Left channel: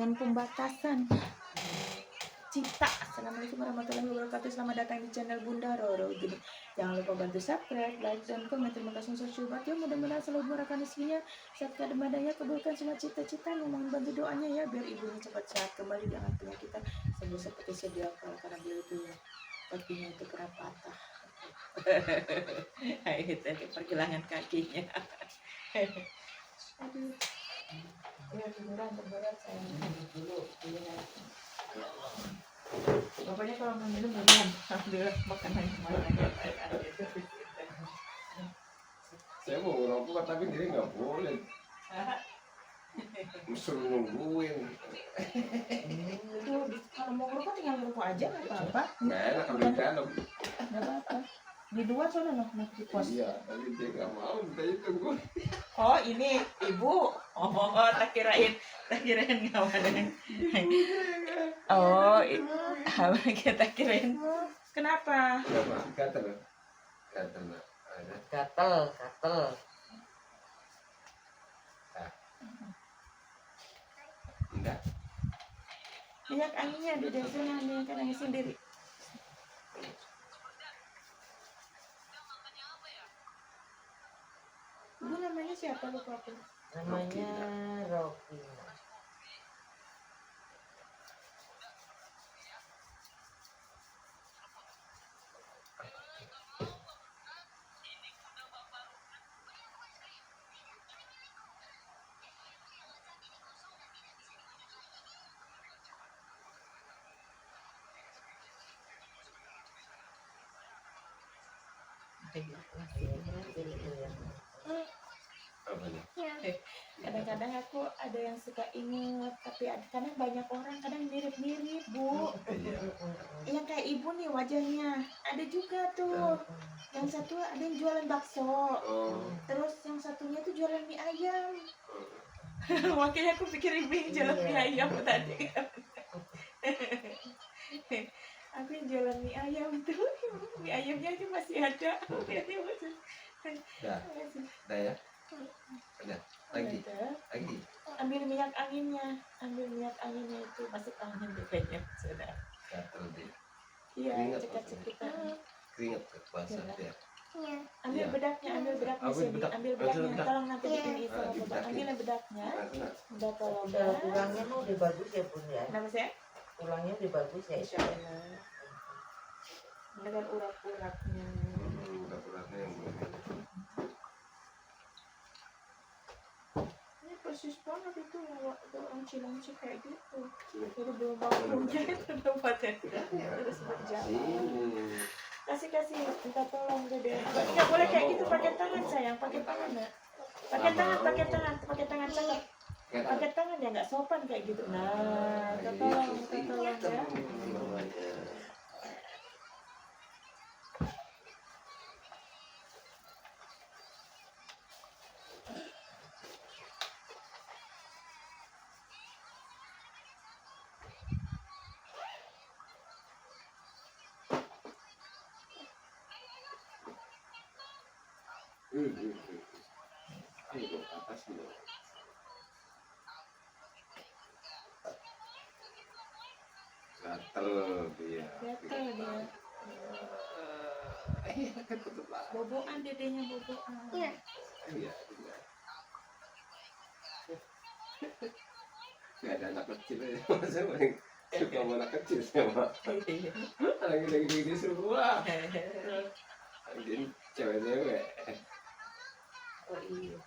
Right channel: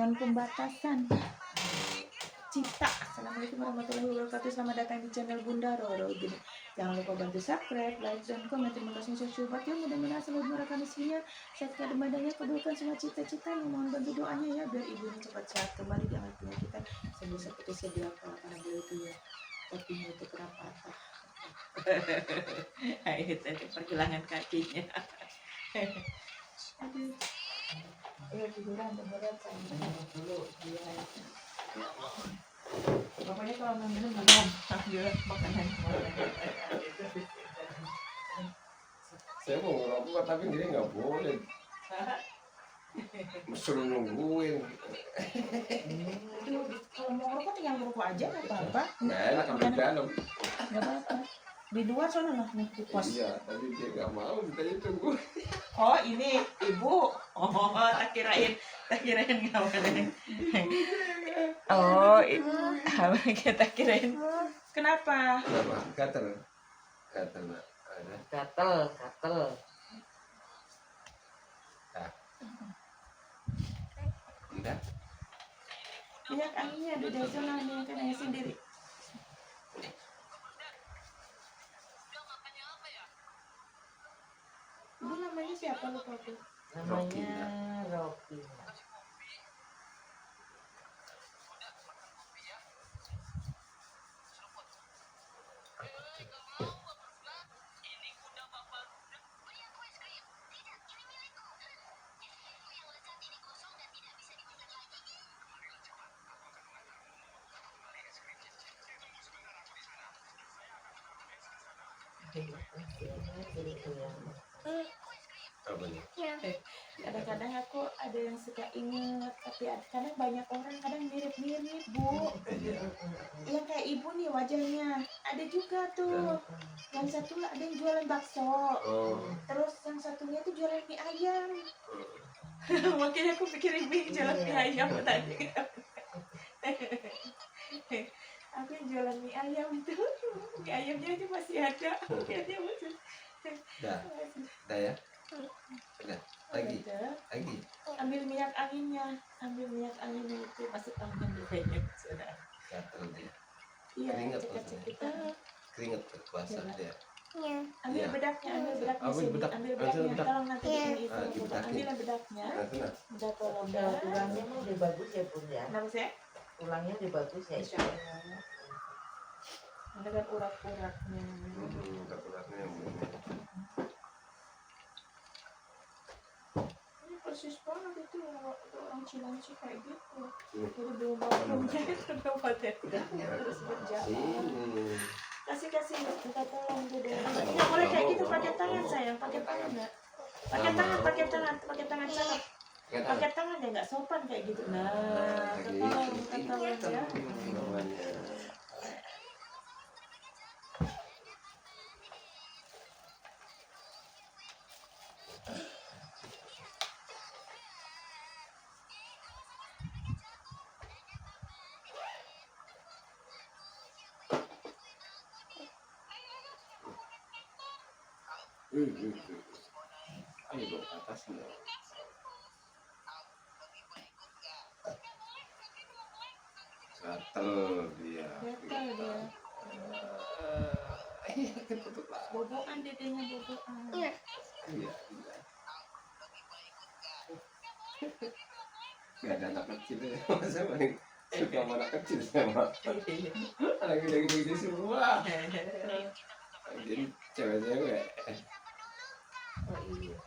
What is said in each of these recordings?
dengan pembatasan. Cita. Assalamualaikum warahmatullahi wabarakatuh. Selamat datang di channel Bunda Roro. Gini, jangan lupa bantu subscribe, like, dan komen. Terima kasih sudah coba. Ya, mudah-mudahan selalu dimurahkan rezekinya, serta demandanya, kabulkan semua cita-cita. Mohon bantu doanya ya, biar ibunya cepat sehat kembali dengan penyakitnya sembuh seperti sedia kala, karena beliau itu ya kakinya itu kena patah. Itu pergelangan kakinya. Aduh. Ya tiduran berat saya. Dulu dia. Pokoknya kalau minum jangan ambil makanan. Saya mau ngerokok tapi dia nggak boleh. Suruh nungguin. Itu kalau mau ngerokok tinggal ngerokok aja nggak apa-apa. Nggak enak kalau di dalam. Nggak apa-apa. Di luar sana lah nanti di pos. Iya, tapi dia nggak mau, minta tunggu. Oh ini ibu. Oh tak kirain ngawain. Oh kita kirain. Kenapa? Gatel. Enggak. Lihat anginnya di sana nih kan angin sendiri. Ibu namanya siapa lupa aku? Namanya Rokina. Kadang-kadang aku ada yang suka inget, tapi kadang banyak orang kadang mirip-mirip bu. Yang kayak ibu nih wajahnya ada juga tuh. Yang satu ada yang jualan bakso, terus yang satunya tuh jualan mie ayam. Makanya aku pikir ibu yang jualan mie ayam tadi. Aku yang jualan mie ayam itu, mie ayamnya aja masih ada. Lihatnya masih. Dah ya. Udah. Lagi. Ambil minyak anginnya itu masuk angin deh kayaknya sudah. Gatel dia. Iya, Keringat cekat-cekitan. Keringat basah dia. Ambil bedaknya sini, ambil bedaknya. Tolong nanti di sini itu, ambil bedaknya. Udah tolong. Tulangnya mau udah bagus ya Bun ya. Kenapa sih? Tulangnya udah bagus ya. Insya Allah. Dengan urat-uratnya. Urat-uratnya yang belum. Ini persis banget itu orang Cilangsi kayak gitu. Jadi belum waktunya itu udah paten terus berjalan. Kasih minta tolong jadi nggak boleh kayak gitu, pakai tangan sayang, pakai tangan nggak, pakai tangan sangat, pakai tangan ya nggak sopan kayak gitu. Nah tolong ya. Ayo atas dulu. Gatel dia. Boboan dedenya boboan. Iya. Gak ada anak kecil ya. Saya paling suka sama anak kecil sama. Anak gede-gede semua. Jadi cewek-cewek. Oh iya.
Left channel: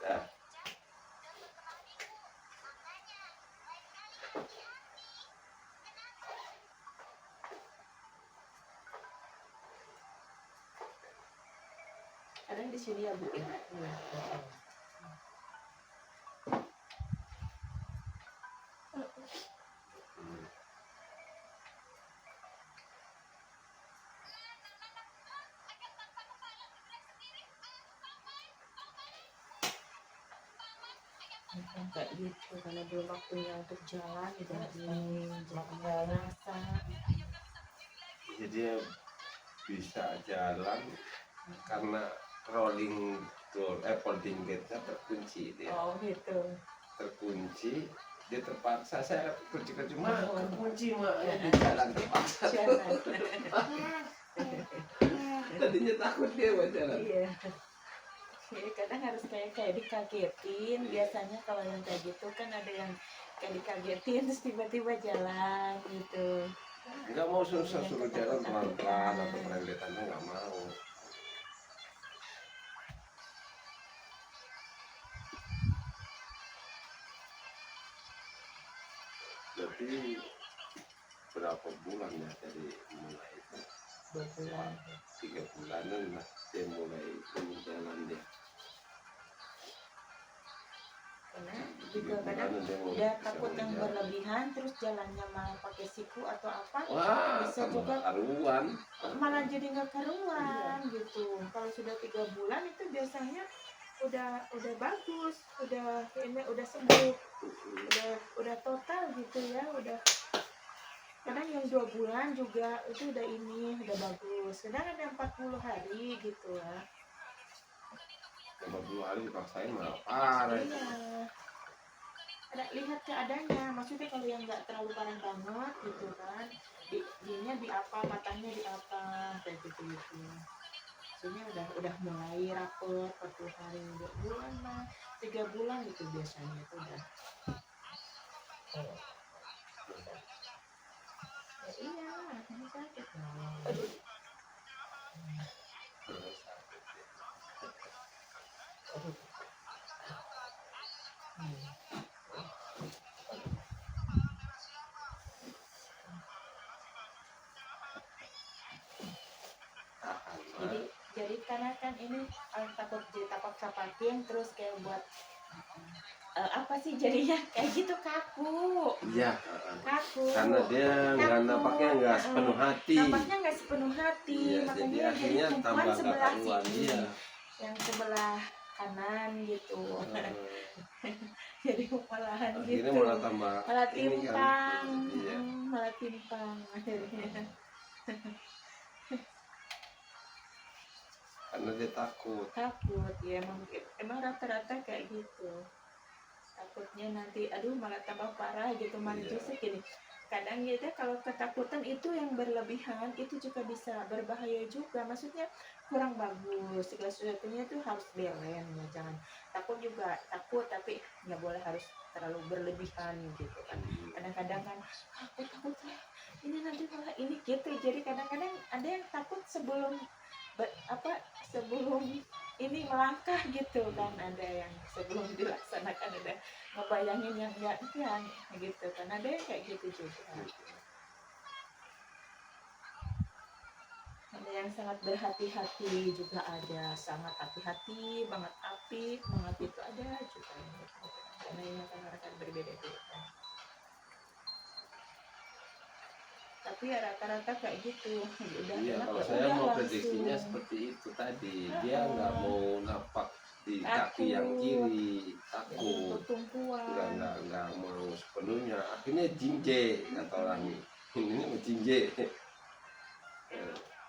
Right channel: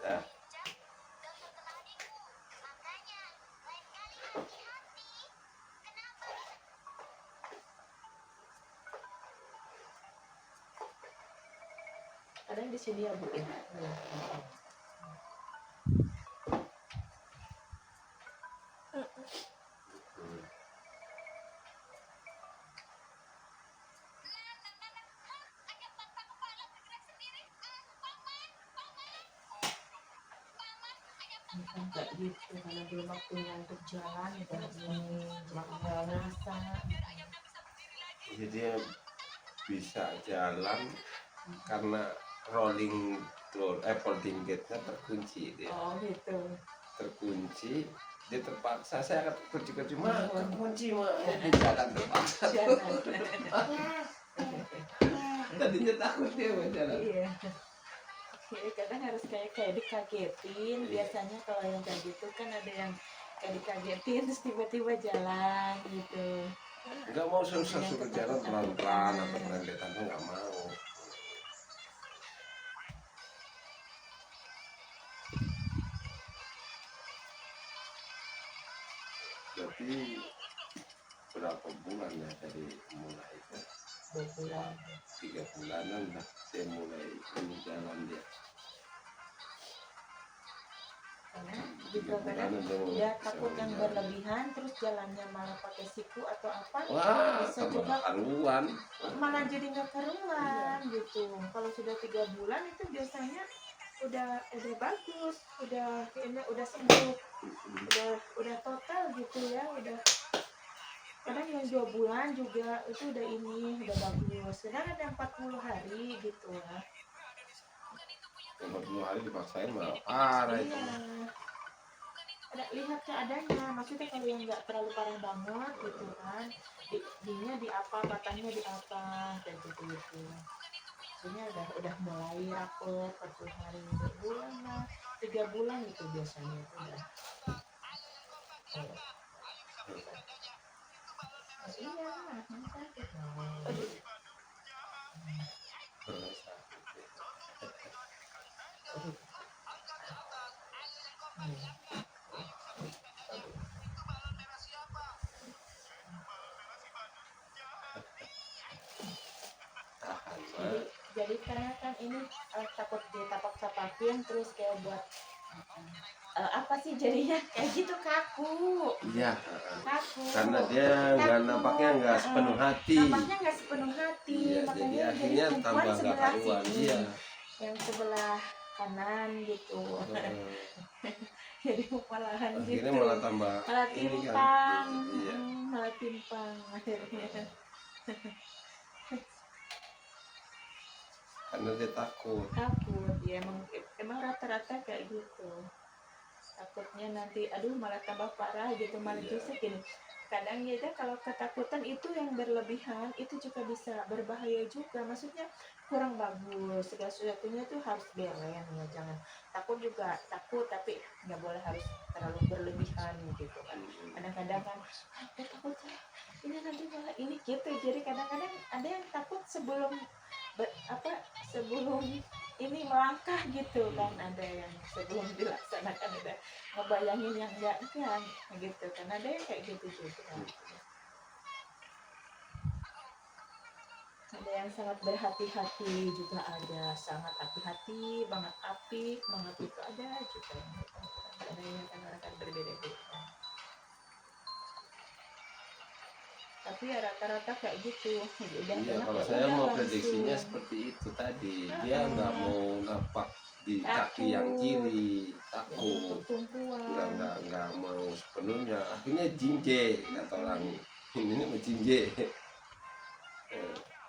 Dah. Kadang di sini ya bu. Kayak gitu karena belum waktunya untuk jalan udah nggak rasa. Jadi dia bisa jalan karena folding gate-nya terkunci dia. Oh gitu. terkunci, dia terpaksa saya kunci mah kunci mah di jalan terpaksa. Tadinya takut dia buat jalan. Iya. Ya, kadang harus kayak dikagetin. Biasanya kalau yang kayak gitu kan ada yang kayak dikagetin terus tiba-tiba jalan gitu. Nggak mau susah suruh jalan pelan-pelan atau pelan-pelan nggak mau. Berarti berapa bulan ya dari mulai itu? 2 bulan. 3 bulanan lah saya mulai ini jalan dia. Karena juga kadang dia takut yang berlebihan terus jalannya malah pakai siku atau apa. Wah, Bisa tambah juga karuan. malah jadi nggak karuan gitu. Kalau sudah 3 bulan itu biasanya udah bagus, udah sembuh, udah total gitu ya, udah. Kadang yang 2 bulan juga itu udah bagus. Kadang ada 40 hari gitu ya. Kalau 2 hari dipaksain malah parah itu. Iya. Ada lihat keadaannya, maksudnya kalau yang nggak terlalu parah banget gitu kan, dinya di apa, patahnya di apa, kayak gitu. Maksudnya udah mulai rapet 40 hari, 2 bulan lah, 3 bulan gitu biasanya itu udah. Iya lah, ini sakit. Aduh. Jadi karena kan ini takut ditapak-tapakin terus kayak buat apa sih jadinya kayak gitu kaku. Iya. Kaku. Karena dia nggak nampaknya nggak sepenuh hati. Nampaknya nggak sepenuh hati, Iya, makanya jadi akhirnya tumpuan tambah nggak sebelah karuan. sini, Iya. yang sebelah kanan gitu. Jadi malahan Akhirnya gitu. malah tambah Malah ini kan. timpang, Iya. malah timpang akhirnya. Karena dia takut. Takut ya, emang rata-rata kayak gitu. Takutnya nanti aduh malah tambah parah gitu, malah Iya. justru gini. Kadang ya kalau ketakutan itu yang berlebihan itu juga bisa berbahaya juga, maksudnya kurang bagus. Segala sesuatunya itu harus balance ya, jangan takut juga takut tapi nggak boleh harus terlalu berlebihan gitu kan. Kadang-kadang kan aku takut ini nanti malah ini gitu, jadi kadang-kadang ada yang takut sebelum sebelum ini melangkah gitu kan, ada yang sebelum dilaksanakan ada ngebayangin yang enggak gitu kan, ada yang kayak gitu juga. Ada yang sangat berhati-hati juga, ada sangat hati-hati banget, apik banget itu ada juga. Karena ini kan berbeda-beda. Tapi ya rata-rata kayak gitu. Udah Iya, enak kalau ya saya udah mau langsung. prediksinya seperti itu tadi. Dia nggak mau napak di kaki yang kiri, takut. Tumpuan. Nggak mau sepenuhnya. Akhirnya jinje kata orang ini mau jinje.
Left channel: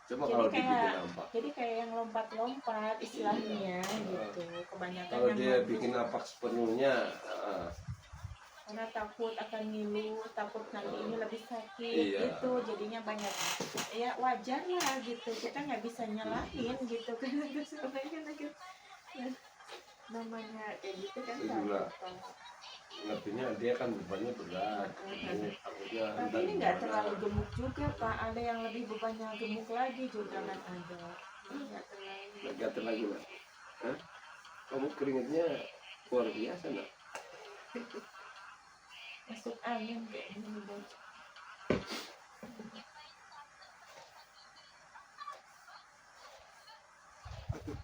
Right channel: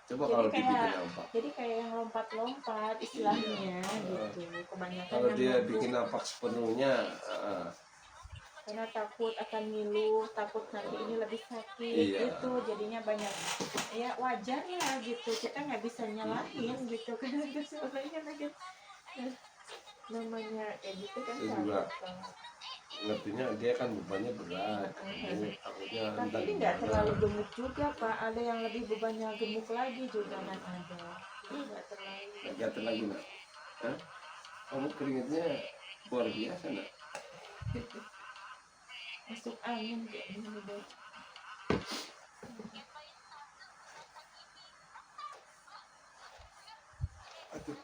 Coba Jadi kalau kayak- dibikin napak. Jadi kayak yang lompat-lompat istilahnya gitu. Kebanyakan Kalau yang dia mampu, bikin napak sepenuhnya, karena takut akan ngilu, takut nanti ini lebih sakit Iya. gitu, jadinya banyak ya wajar lah gitu, kita nggak bisa nyalahin gitu kan. Sebenarnya lagi namanya kayak gitu kan Saya juga sakit. ngertinya dia kan bebannya berat. Takutnya Tapi entar ini nggak gimana. terlalu gemuk juga Pak, ada yang lebih bebannya gemuk lagi juga kan ada. Nggak terlalu. Gatel lagi nak. Hah? Kamu keringetnya luar biasa nak. Masuk angin kayak gini baju. Aduh.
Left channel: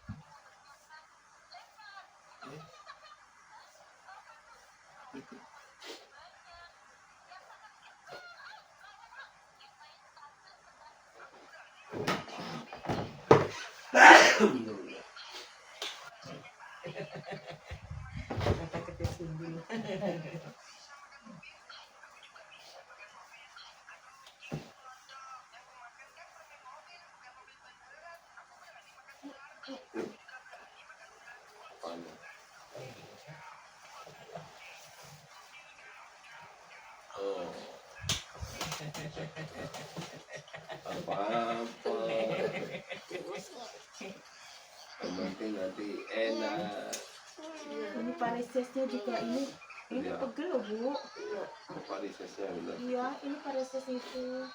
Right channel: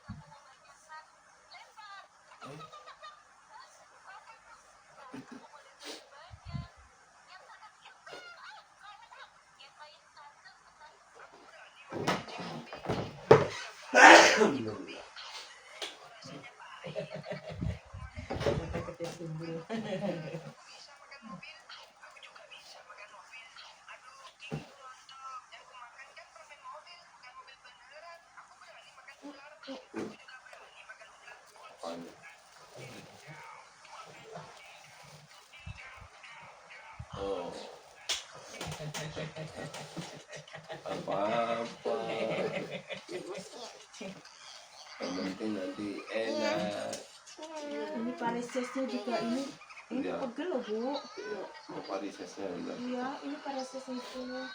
Kata kecil sendiri. Apa-apa. Yang penting nanti enak. Ini paresesnya juga ini Iya. pegel loh Bu. Varisesnya udah. Iya, ini pareses itu.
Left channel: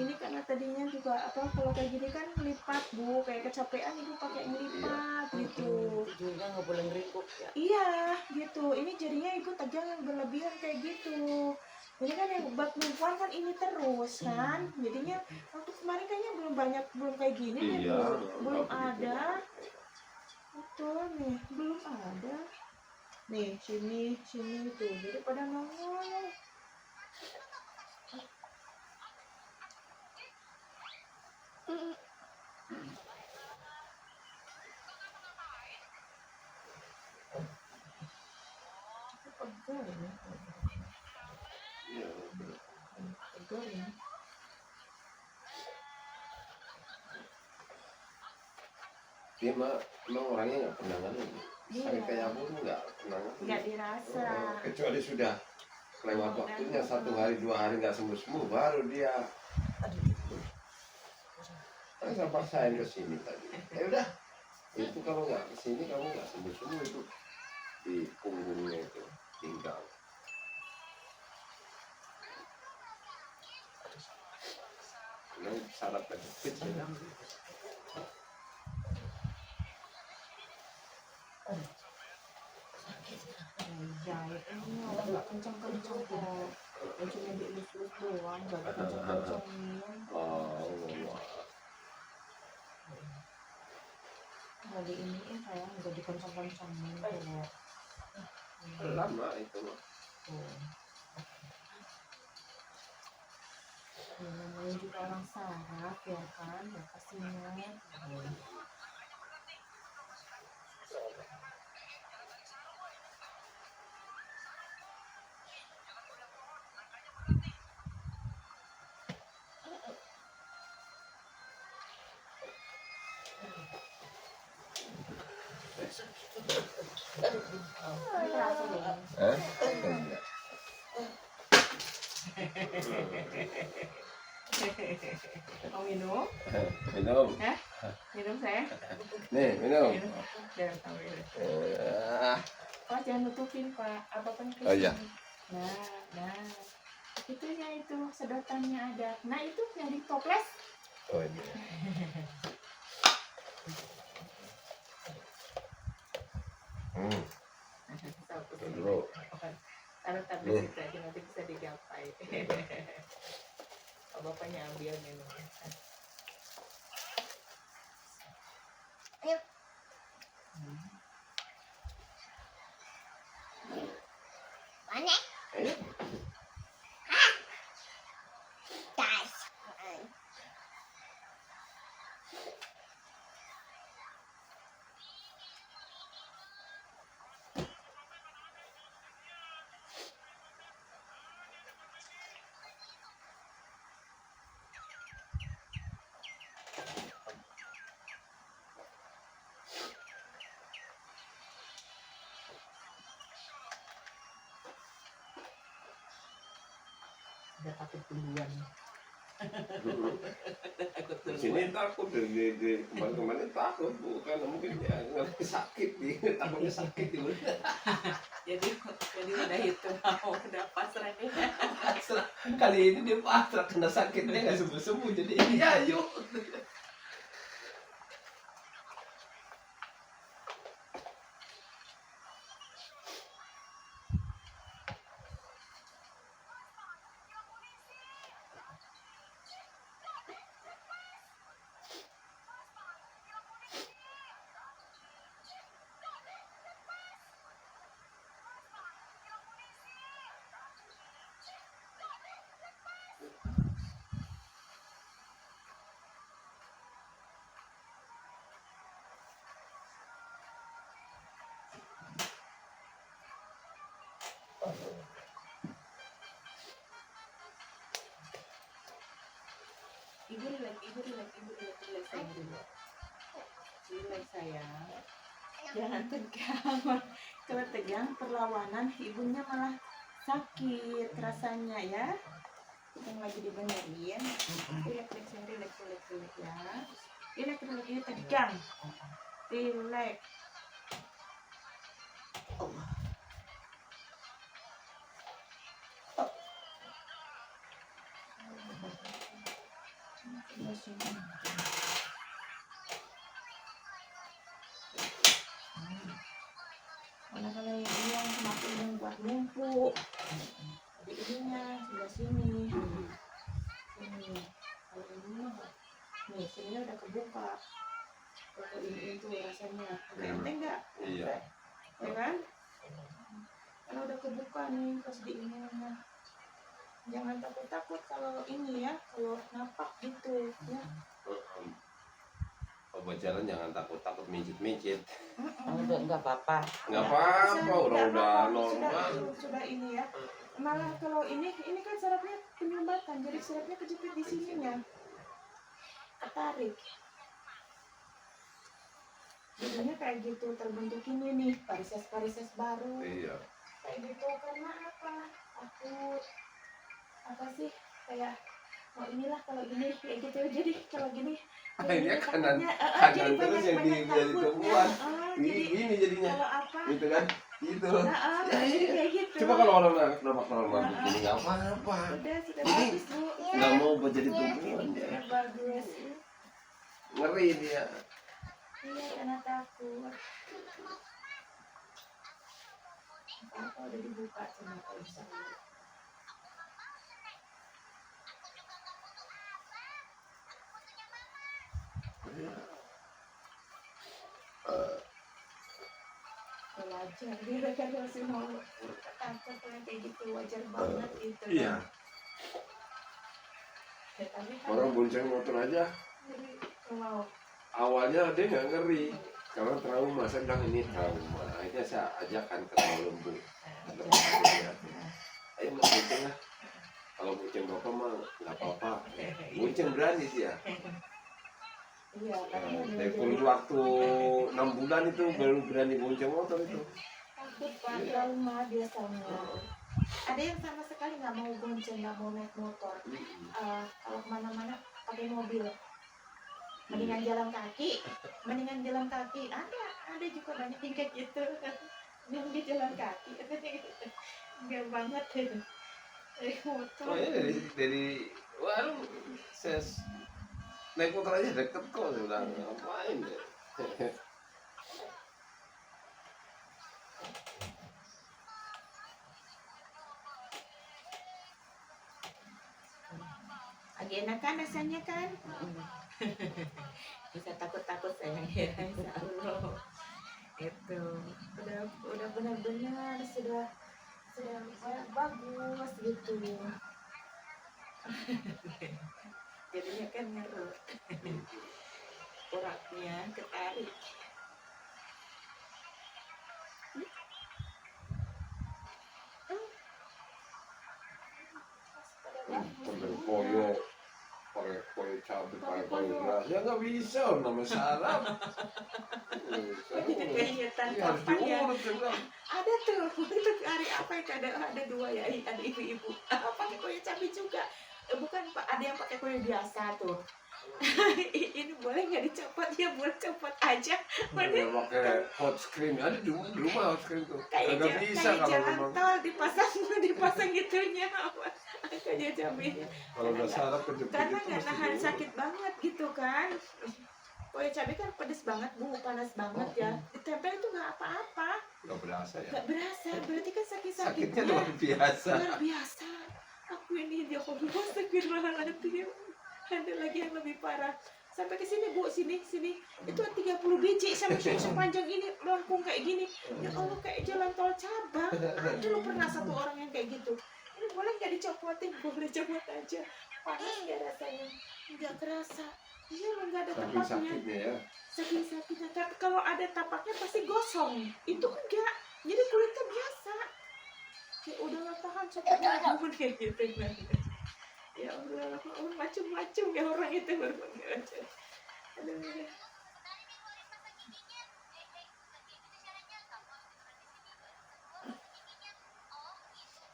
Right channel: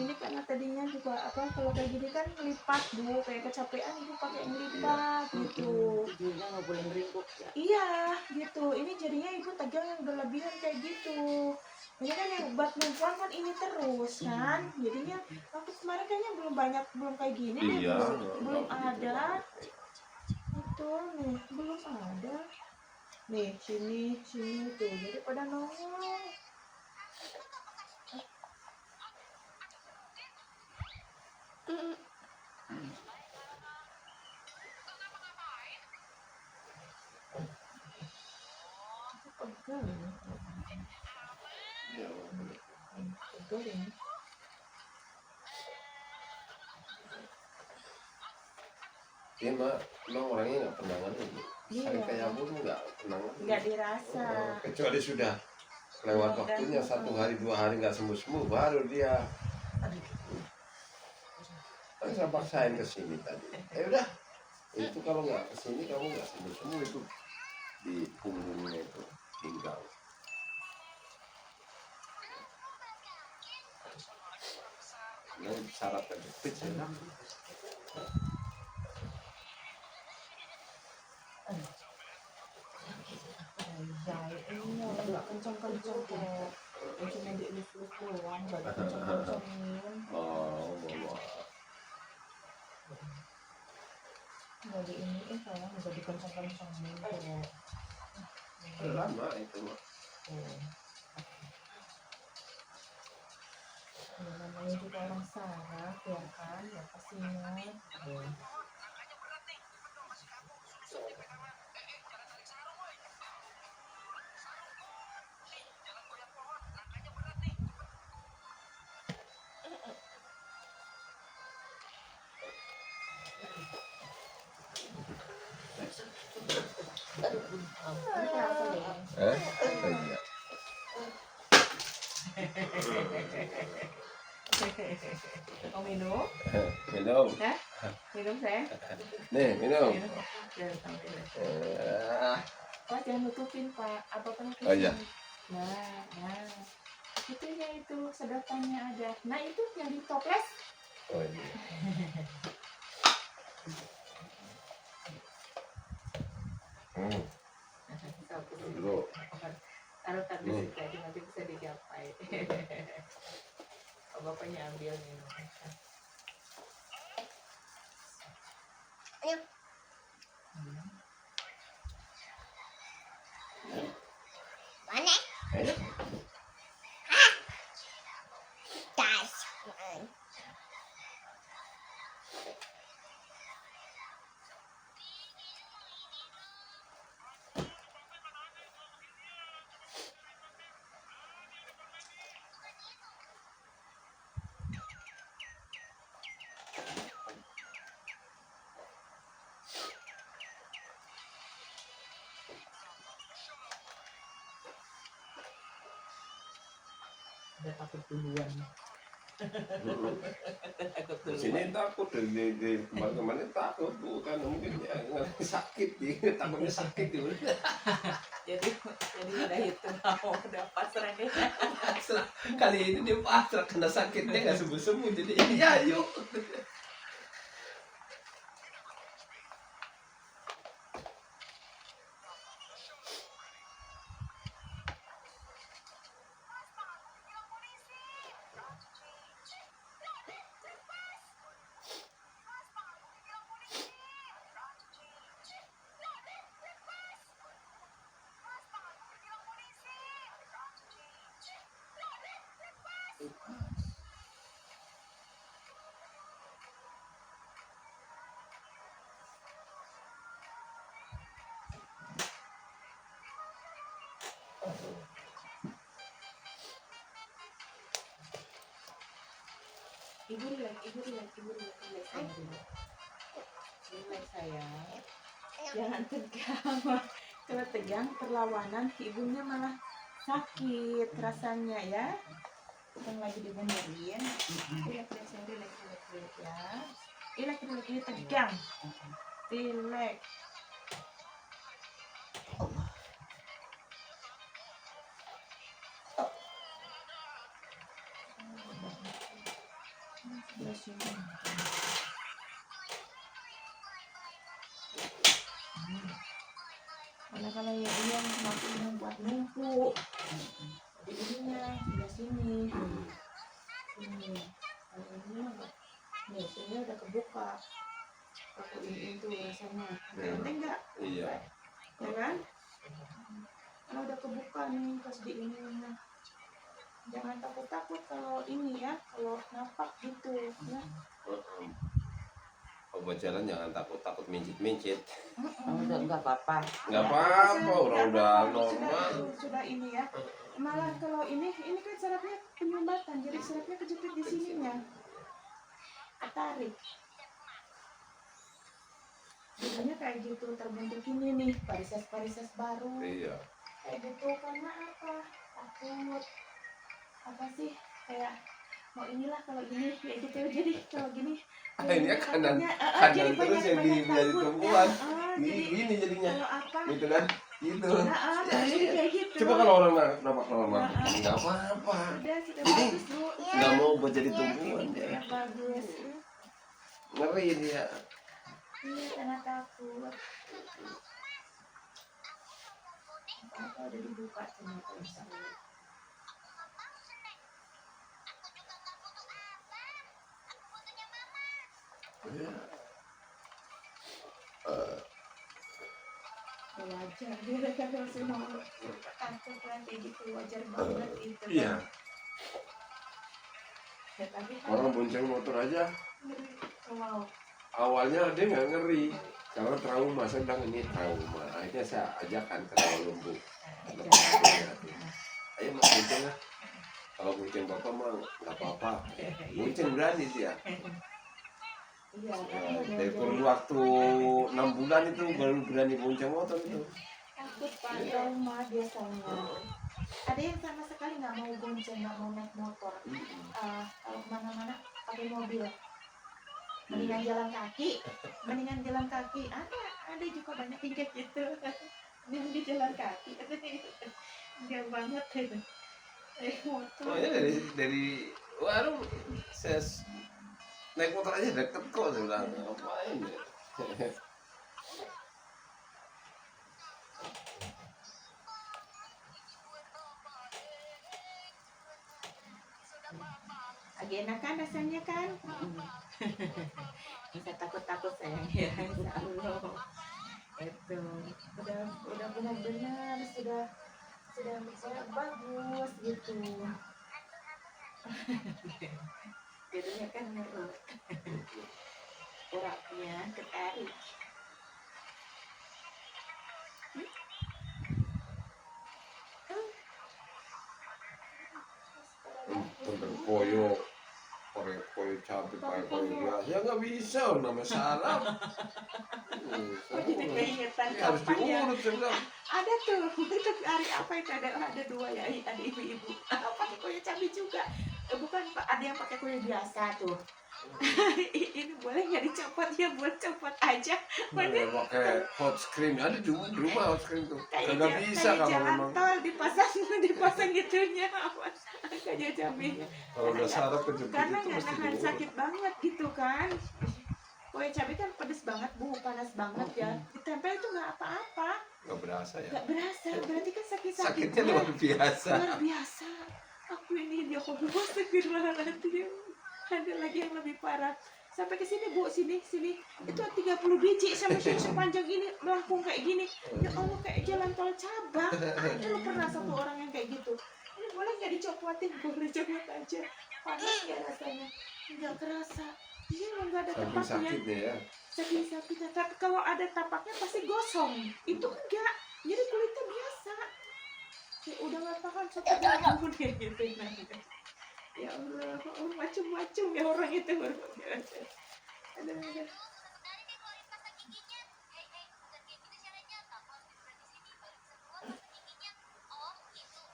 Ini karena tadinya juga apa kalau kayak gini kan lipat Bu, kayak kecapean Ibu pakai ngelipat gitu. Tidurnya nggak boleh ngeringkuk ya. Iya, gitu. Ini jadinya Ibu tegang yang berlebihan kayak gitu. Ini kan yang buat perempuan kan ini terus kan. Jadinya waktu kemarin kayaknya belum kayak gini deh, Iya. Bu. Belum ada. Itu nih, belum ada. Nih, sini tuh. Jadi pada nongol. Pegel ini. Iya. Pegel ini. Dia emang orangnya nggak pernah nganu. Iya. Sampai kayak aku nggak pernah nganu. Nggak dirasa. Kecuali sudah lewat waktunya 1 hari 2 hari nggak sembuh baru dia. Kan saya paksain ke sini tadi. Ya udah. Itu kalau nggak ke sini kamu nggak sembuh itu di punggungnya itu pinggang. Ini syarat kejepit ya. Jahit ini nggak kenceng-kenceng kok. Cuma dielus-elus doang, nggak dikenceng-kencengin. Oh, Allah. Nggak diiniin sayang, nggak dikenceng-kencengin kok. Lama itu mah. Ya, namanya juga orang saraf ya kan, ya kasihan. Terasa dong. Iya. Mau minum? Minum. Minum saya? Nih, minum. Jangan sampai. Ah, Oh, jangan nutupin Pak. Apa penyakit? Oh, iya. Nah. Itunya itu sedotannya ada. Nah itu yang di toples. oh ini. Dulu. Taruh tablet itu aja nanti bisa digapai. Bapaknya ambil minum. Mana? Ayo. Tas. Udah takut duluan. Takut Di duluan. sini takut di kemarin takut bukan mungkin ya nggak sakit dia takutnya sakit dia. Jadi udah itu udah pasrah deh. Kali ini dia pasrah kena sakitnya nggak sembuh jadi ya yuk. Ibu relax sayang dulu. Relax sayang. Jangan tegang. Kalau tegang perlawanan ibunya malah sakit rasanya ya. yang lagi dibenerin. Relax ya. Relax tegang. Relax. Sebelah sini. Kalau ya dia yang semakin yang buat numpuk. Jadi ininya sebelah sini. Sini. Kalau ini mah nih sini udah kebuka. Kalau ini tuh rasanya enteng nggak? Iya. Ya kan? Kalau udah kebuka nih pas di ininya. Jangan takut-takut kalau ini ya, kalau napak gitu ya. Pacaran jangan takut mincit-mincit. Enggak apa-apa. Nggak apa-apa, udah normal. Sudah ini ya. Malah kalau ini kan sarafnya penyumbatan, jadi sarafnya kejepit di sininya. Ketarik. Jadinya kayak gitu terbentuk ini nih, varises baru. Iya. Kayak gitu karena apa? Takut. Apa sih? Kayak mau inilah kalau gini kayak gitu. Jadi kalau gini Akhirnya kanan jadi terus yang banyak dari takutnya. tumpuan. Jadi Gini jadinya. kalau apa? Gitu kan? Gitu. Jadi kayak gitu. Coba kalau orang nampak normal begini nggak apa-apa. Sudah bagus Bu. Nggak mau buat jadi tumpuan dia. Sudah bagus. Ngeri dia. Iya karena takut. Apa udah dibuka sama bisa. Wajar dia kan masih mau takut kan kayak gitu wajar banget itu kan. Iya. Ya, tapi kan Orang bonceng motor aja mau awalnya dia nggak ngeri karena trauma. Saya bilang ini trauma. Akhirnya saya ajakkan ke rawa lembu. Ayo mas bonceng lah. Kalau bonceng bapak mah nggak apa-apa. Bonceng berani dia. iya Ya, karena dari kurun waktu 6 bulan itu baru berani bonceng motor itu. takut Pak, trauma biasanya. Ada yang sama sekali nggak mau bonceng, nggak mau naik motor. Kalau kemana-mana pakai mobil. Mendingan jalan kaki. Ada juga banyak yang kayak gitu. Yang di jalan kaki. Enggak banget motor. Soalnya dari warung saya naik motor aja deket kok, saya bilang ngapain ya. Lagi enak kan rasanya kan? Bisa takut-takut sayang ya, insya Allah. Itu udah benar-benar sudah bagus gitu. Jadinya kan ngerut. Uratnya ketarik. Pakai koyo cabai, pakai koyo beras, ya nggak bisa, udah masalah. Oh jadi keingetan Ini harus kapan ya? diurut, saya bilang. Ada tuh, itu hari apa itu ada dua ya, ada ibu-ibu. Pakai koyo cabai juga. Bukan Pak, ada yang pakai koyo biasa tuh. Ini boleh nggak dicopot ya? Boleh copot aja. Udah pakai hot screen, ada di rumah hot screen tuh. Nggak bisa Kayak kalau jalan memang. tol dipasang gitunya. Kayak cabenya. Kalau udah sarap kejepit Karena itu nggak mesti nahan diurut. sakit banget gitu kan. Koyo cabai kan pedes banget Bu, panas banget ya. Ditempel itu nggak apa-apa. Nggak berasa ya. Nggak berasa, berarti kan Sakitnya sakit-sakitnya. luar biasa. Luar biasa. Aku ini dia Allah astagfirullahaladzim. Ada lagi yang lebih parah. Sampai ke sini Bu, sini. Itu 30 biji sama sini sepanjang ini melengkung kayak gini. Ya Allah kayak jalan tol cabang. Ada lu pernah satu orang yang kayak gitu. Ini boleh nggak dicopotin? Boleh copot aja. Panas nggak rasanya? Nggak kerasa. Iya lo nggak ada Saking tapaknya. sakitnya ya. Saking sakitnya. Tapi kalau ada tapaknya pasti gosong. Itu enggak. Jadi kulitnya biasa. Ya udah nggak tahan sakitnya ampun kayak gitu. Ya Allah, macam-macam ya orang itu berpikir. Aduh.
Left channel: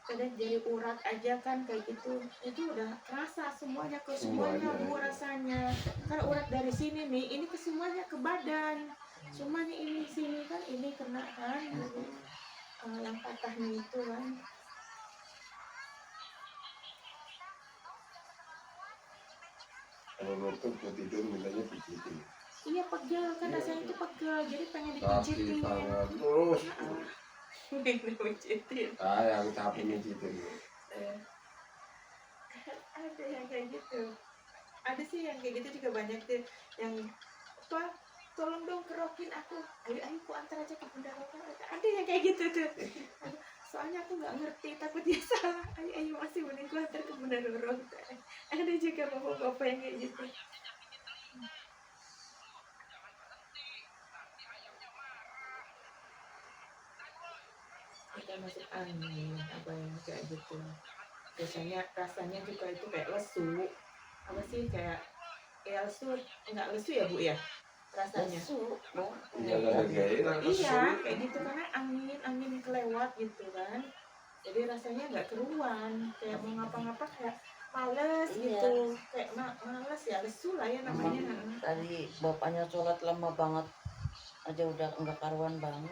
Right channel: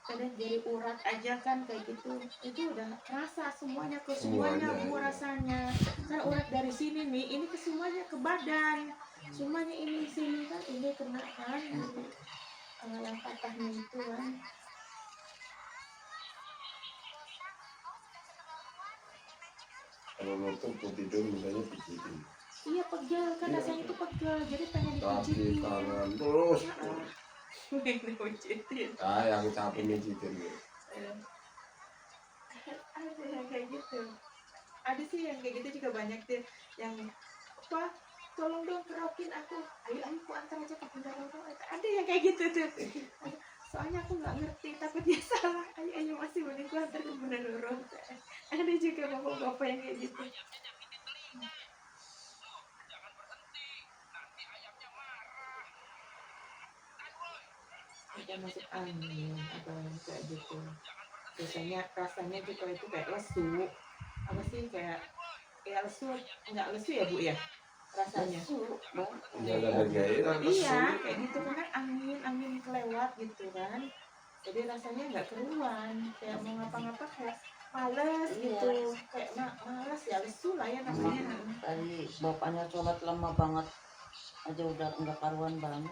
kadang jadi urat aja kan kayak gitu, itu udah kerasa semuanya ke semuanya Semuanya, Bu iya. rasanya. Karena urat dari sini nih, ini ke semuanya ke badan, semuanya ini sini kan ini kena kan, jadi yang patahnya itu kan. Kalau nonton tuh tidur mintanya pijitin. Iya pegel kan Iya, rasanya itu pegel, jadi pengen Kaki, dipijitin. tangan, terus. Dipijitin. Yang capek mijitin. Ada yang kayak gitu, ada sih yang kayak gitu juga banyak tuh yang apa, tolong dong kerokin aku, ayo ayo ku antar aja ke Bunda Roro, ada yang kayak gitu tuh. Soalnya aku nggak ngerti takut dia salah, ayo ayo masih mending ku antar ke Bunda Roro. Ada juga bapak-bapak yang kayak gitu. Kita masuk angin apa yang kayak gitu, biasanya rasanya juga itu kayak lesu, apa sih kayak ya lesu, nggak lesu ya Bu ya rasanya. Iya, gairah. Iya kayak gitu karena angin kelewat gitu kan, jadi rasanya nggak keruan, kayak mau ngapa-ngapa kayak males gitu, kayak males ya, lesu lah ya namanya. Tadi bapaknya sholat lama banget aja udah enggak karuan banget.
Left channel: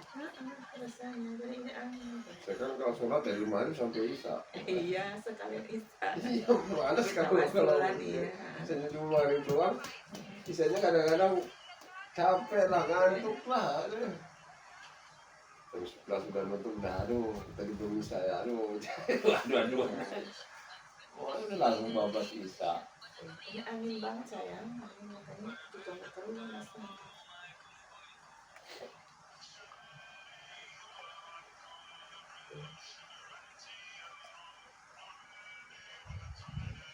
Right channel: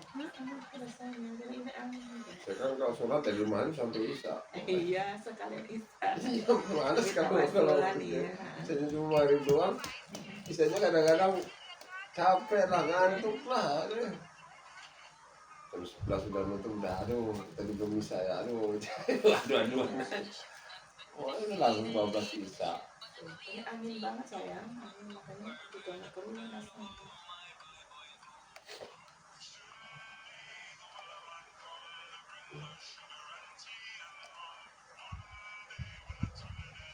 Rasanya jadi ini angin. Sekarang kalau sholat dari maghrib sampai isya. Iya sekalian isya. Iya, males Kita kalau basulan ya. saya cuma maghrib doang. Isanya kadang-kadang capek lah, ngantuk lah. Terus sebelah sudah nonton udah aduh, tadi belum isya ya aduh. Aduh. Oh, ini langsung 12 isya. Ini angin banget sayang, angin makanya juga nggak keruan rasanya.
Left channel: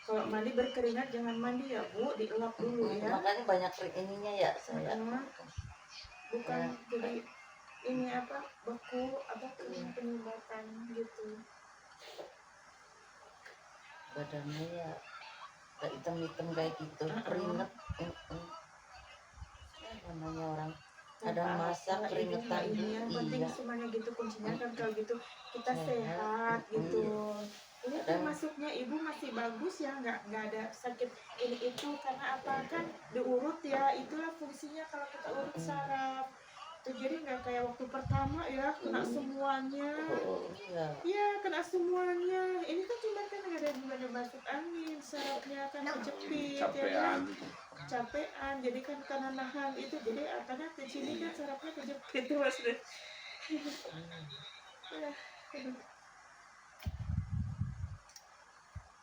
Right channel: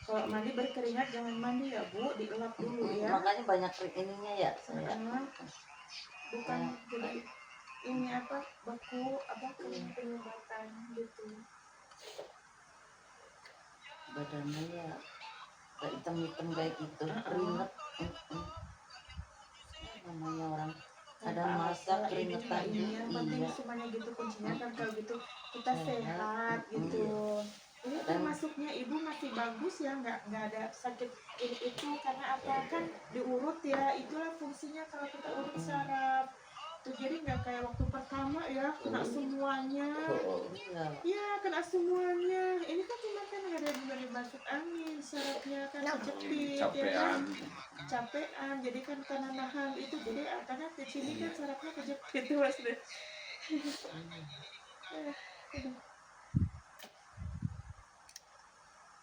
Kalau mandi berkeringat jangan mandi ya Bu, dielap dulu ya. Makanya banyak ininya ya saya. Bukan jadi ini apa beku apa penyumbatan gitu. Badannya ya kayak hitam-hitam kayak gitu, keringet. Ya, namanya orang ada masak keringetan ini yang penting iya. semuanya gitu kuncinya kan, kalau gitu kita sehat gitu. Ini termasuknya ibu masih bagus ya, nggak ada sakit ini itu karena apa kan diurut ya, itulah fungsinya kalau kita urut saraf tuh, jadi nggak kayak waktu pertama ya kena semuanya. Iya. Iya kena semuanya, ini kan cuma kan ada gimana masuk angin, sarafnya kan kejepit ya kan, capean, jadi kan karena nahan itu, jadi karena di sini kan sarafnya kejepit tuh Mas.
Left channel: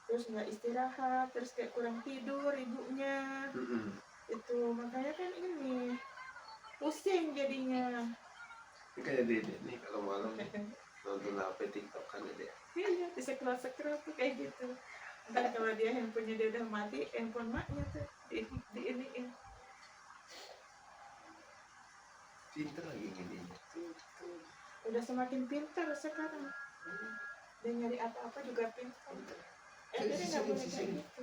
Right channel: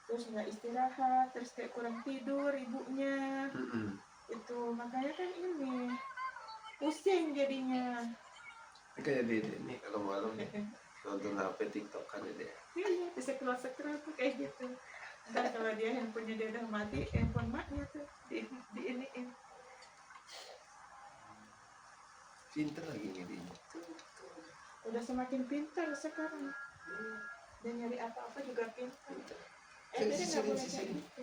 Terus nggak istirahat, terus kayak kurang tidur ibunya, itu makanya kan ini pusing jadinya. Ini kayak Dede nih kalau malam nonton HP TikTok kan Dede. Iya, di scroll tuh kayak gitu. Ntar kalau dia handphonenya dia udah mati, handphone maknya tuh di iniin. Pinter lagi ngedinya. Udah semakin pintar sekarang. Dia nyari apa-apa juga pintar. Jadi nggak boleh kayak gitu.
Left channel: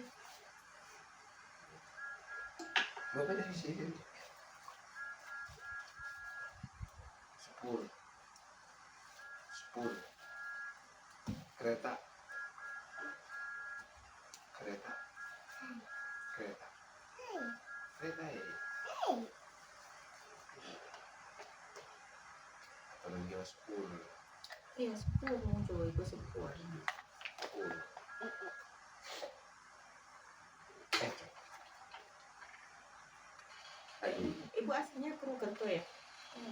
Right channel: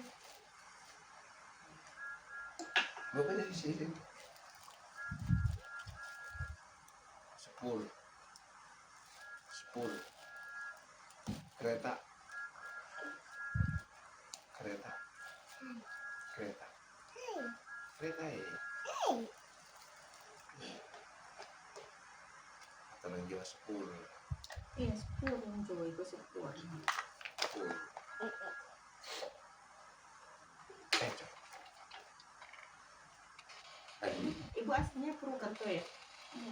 Bapaknya di sini. 10. Kereta. Kereta ya. Apalagi 10. Iya, 10 coba itu 10. 10. Ibu aslinya Purwokerto ya?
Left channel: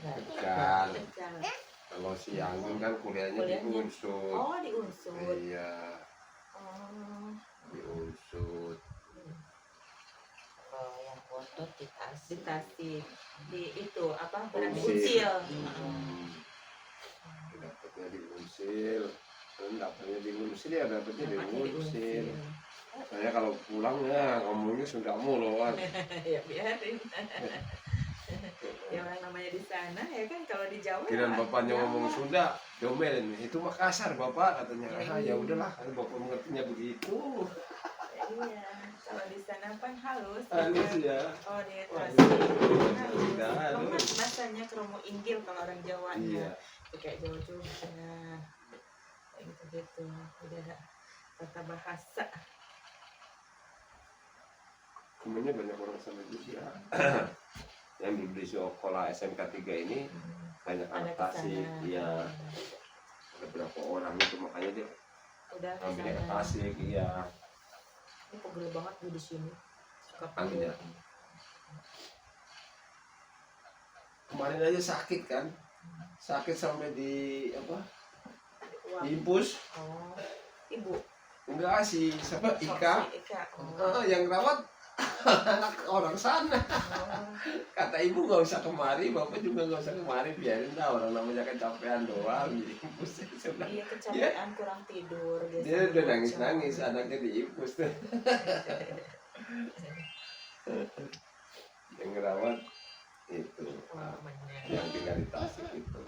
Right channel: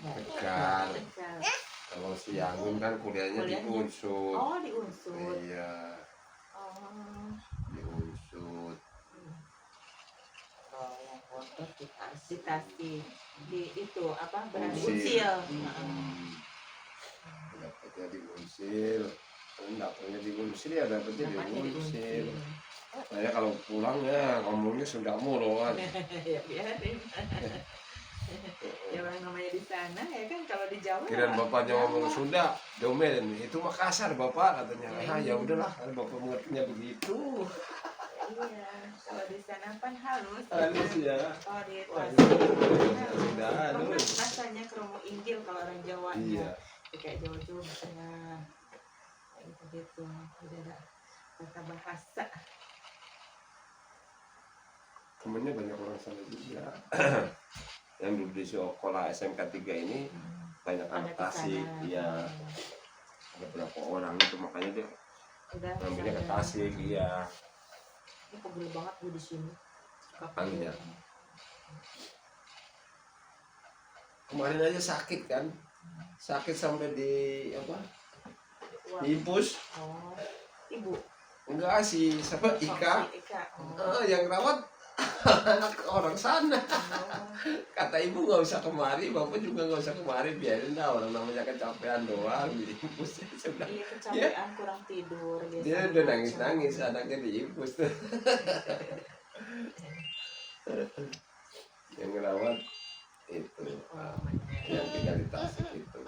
Tegal. Tegal. Kalau si Anggun kan kuliahnya di Kuliahnya? Unsur. Oh, di Unsur. Iya, Oh. di Unsur. Kalau yang foto di Di Tasik. Di itu apa? Berarti Unsir. Uncil. Dapatnya di Unsur. Kan dapatnya di Unsur ya dapatnya Dapatnya di di Unsur. Uncil. Saya kalau pulang ya ngomongnya Sunda mulu kan. Ya biarin. Ya orang namanya di sana ya kan, kalau di Jawa. Kirain bapaknya Jawa. ngomong Sunda, domen itu Makassar bapak katanya. Ah ya udahlah, kan bapak mengertinya begitu. Iya, kalau di sana kan halus. Halus ya. Oh di Wah, Tasik. udah halus. Masanya kromo inggil kalau orang Jawanya. Iya. Kayak Jawa-Jawa di sana. kayak gitu udah ada tata bahasa. Temennya banyak orang sana juga. Yang di sekolah SMK 3 ini banyak anak Ada Tasik. kesana. Iya, ada berapa orang itu, makanya dia Udah ngambilnya ke kesana. Tasik. Iya. Ini pegel banget gue di sini. Suka Angin ya? pegel. Kemarin aja sakit kan, sakit sampai di apa? Wah. Diimpus. Oh, ibu. Enggak sih, siapa Oh, Ika? si Ika. Oh. Yang rawat orang sana. Oh. Kata ibu nggak usah kemari, bapak juga nggak usah kemari, biarin dah, orang namanya kecapean doang, diimpus. Sudah. Iya kecapean kurang tidur. Dia biasanya udah bocor. nangis-nangis, anaknya diimpus tuh. Yang ngerawat itu Oh, namanya. yang tinggal di Tasik itu.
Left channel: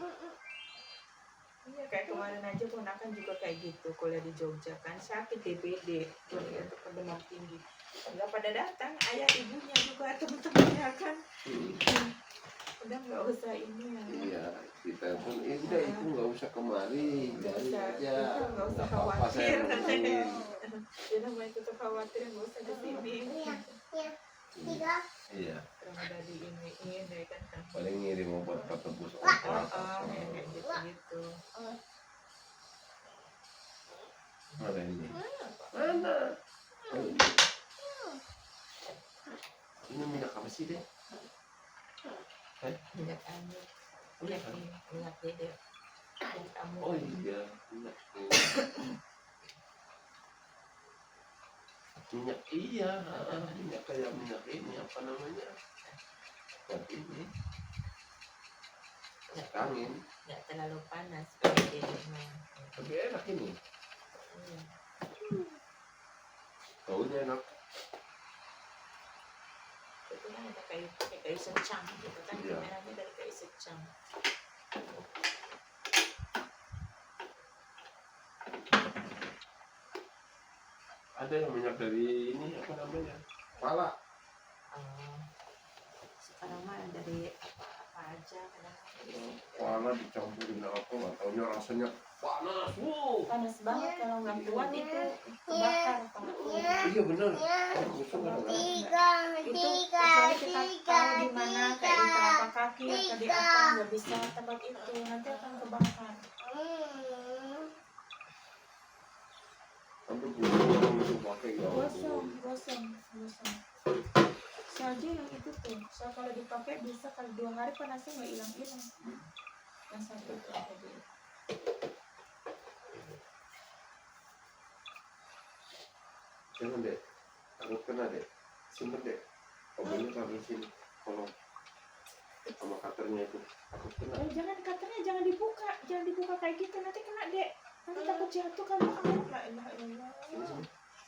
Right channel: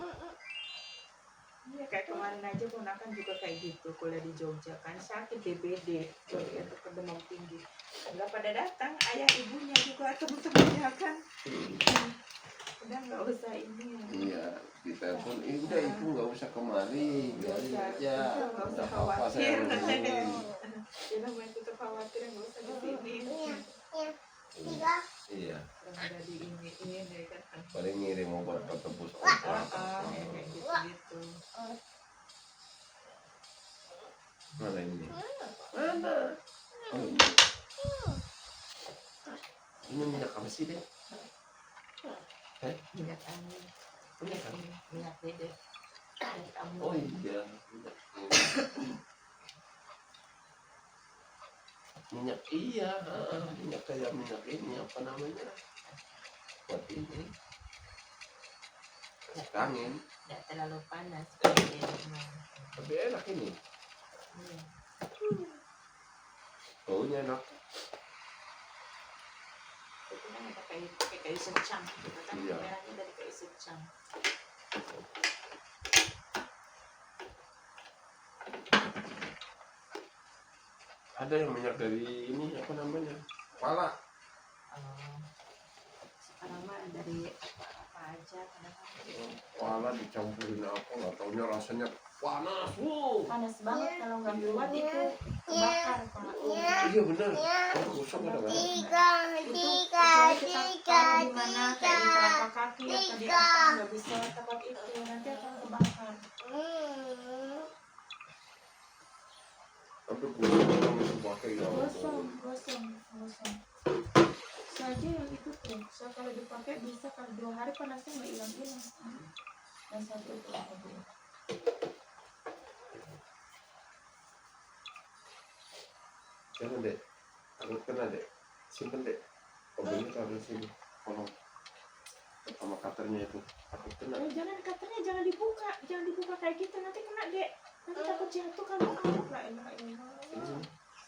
Iya kayak kemarin aja ponakan juga kayak gitu kuliah di Jogja kan sakit DBD jadi itu demam tinggi nggak pada datang ayah ibunya juga teman-temannya kan udah nggak usah ini ya Iya, kita pun udah itu nggak usah kemari, nggak biarin usah aja. nggak usah Nggak apa-apa, saya khawatir hubungin. dia namanya tetap khawatir nggak usah di sini Tiga. Iya, orang udah diiniin ya kan paling ngirim obat ke tebus oh, kayak gitu Mana ini? Mana? Oh, ini. Ini minyak apa sih deh? minyak angin lihat ini lihat dede lihat kamu Oh iya, minyak ini. Minyak iya, minyak kayak minyak ini apa namanya? Tapi ini angin, nggak terlalu panas kayak dede mah tapi enak ini. iya. Baunya enak. Itu kan ada pakai kayu secang gitu kan Iya. merahnya dari kayu secang Ada yang minyak dari ini apa namanya? Pala. sekarang mah dari apa aja kadang-kadang Pala dicampurin apa nggak taunya rasanya panas. Panas banget kalau nggak kuat itu kebakar Pak. Iya benar. Kalau gosok nggak ada. Tiga. Itu Tiga. kecuali kita taruh di mana kayak di telapak kaki atau di apa nggak bisa tempat itu nanti akan kebakar. Tapi gosok itu pakai nggak Gosong. Saja yang itu tuh, saya kalau dipakai bisa kalau 2 hari panasnya nggak hilang-hilang. Yang satu tuh tadi. Jangan deh, takut kena deh. Simpen deh. Kabelnya kabel sini. Tolong. Sama katernya itu. Takut kena. Jangan dibuka kayak gitu nanti kena dek. Nanti takut jatuh kamu La ilaha illallah.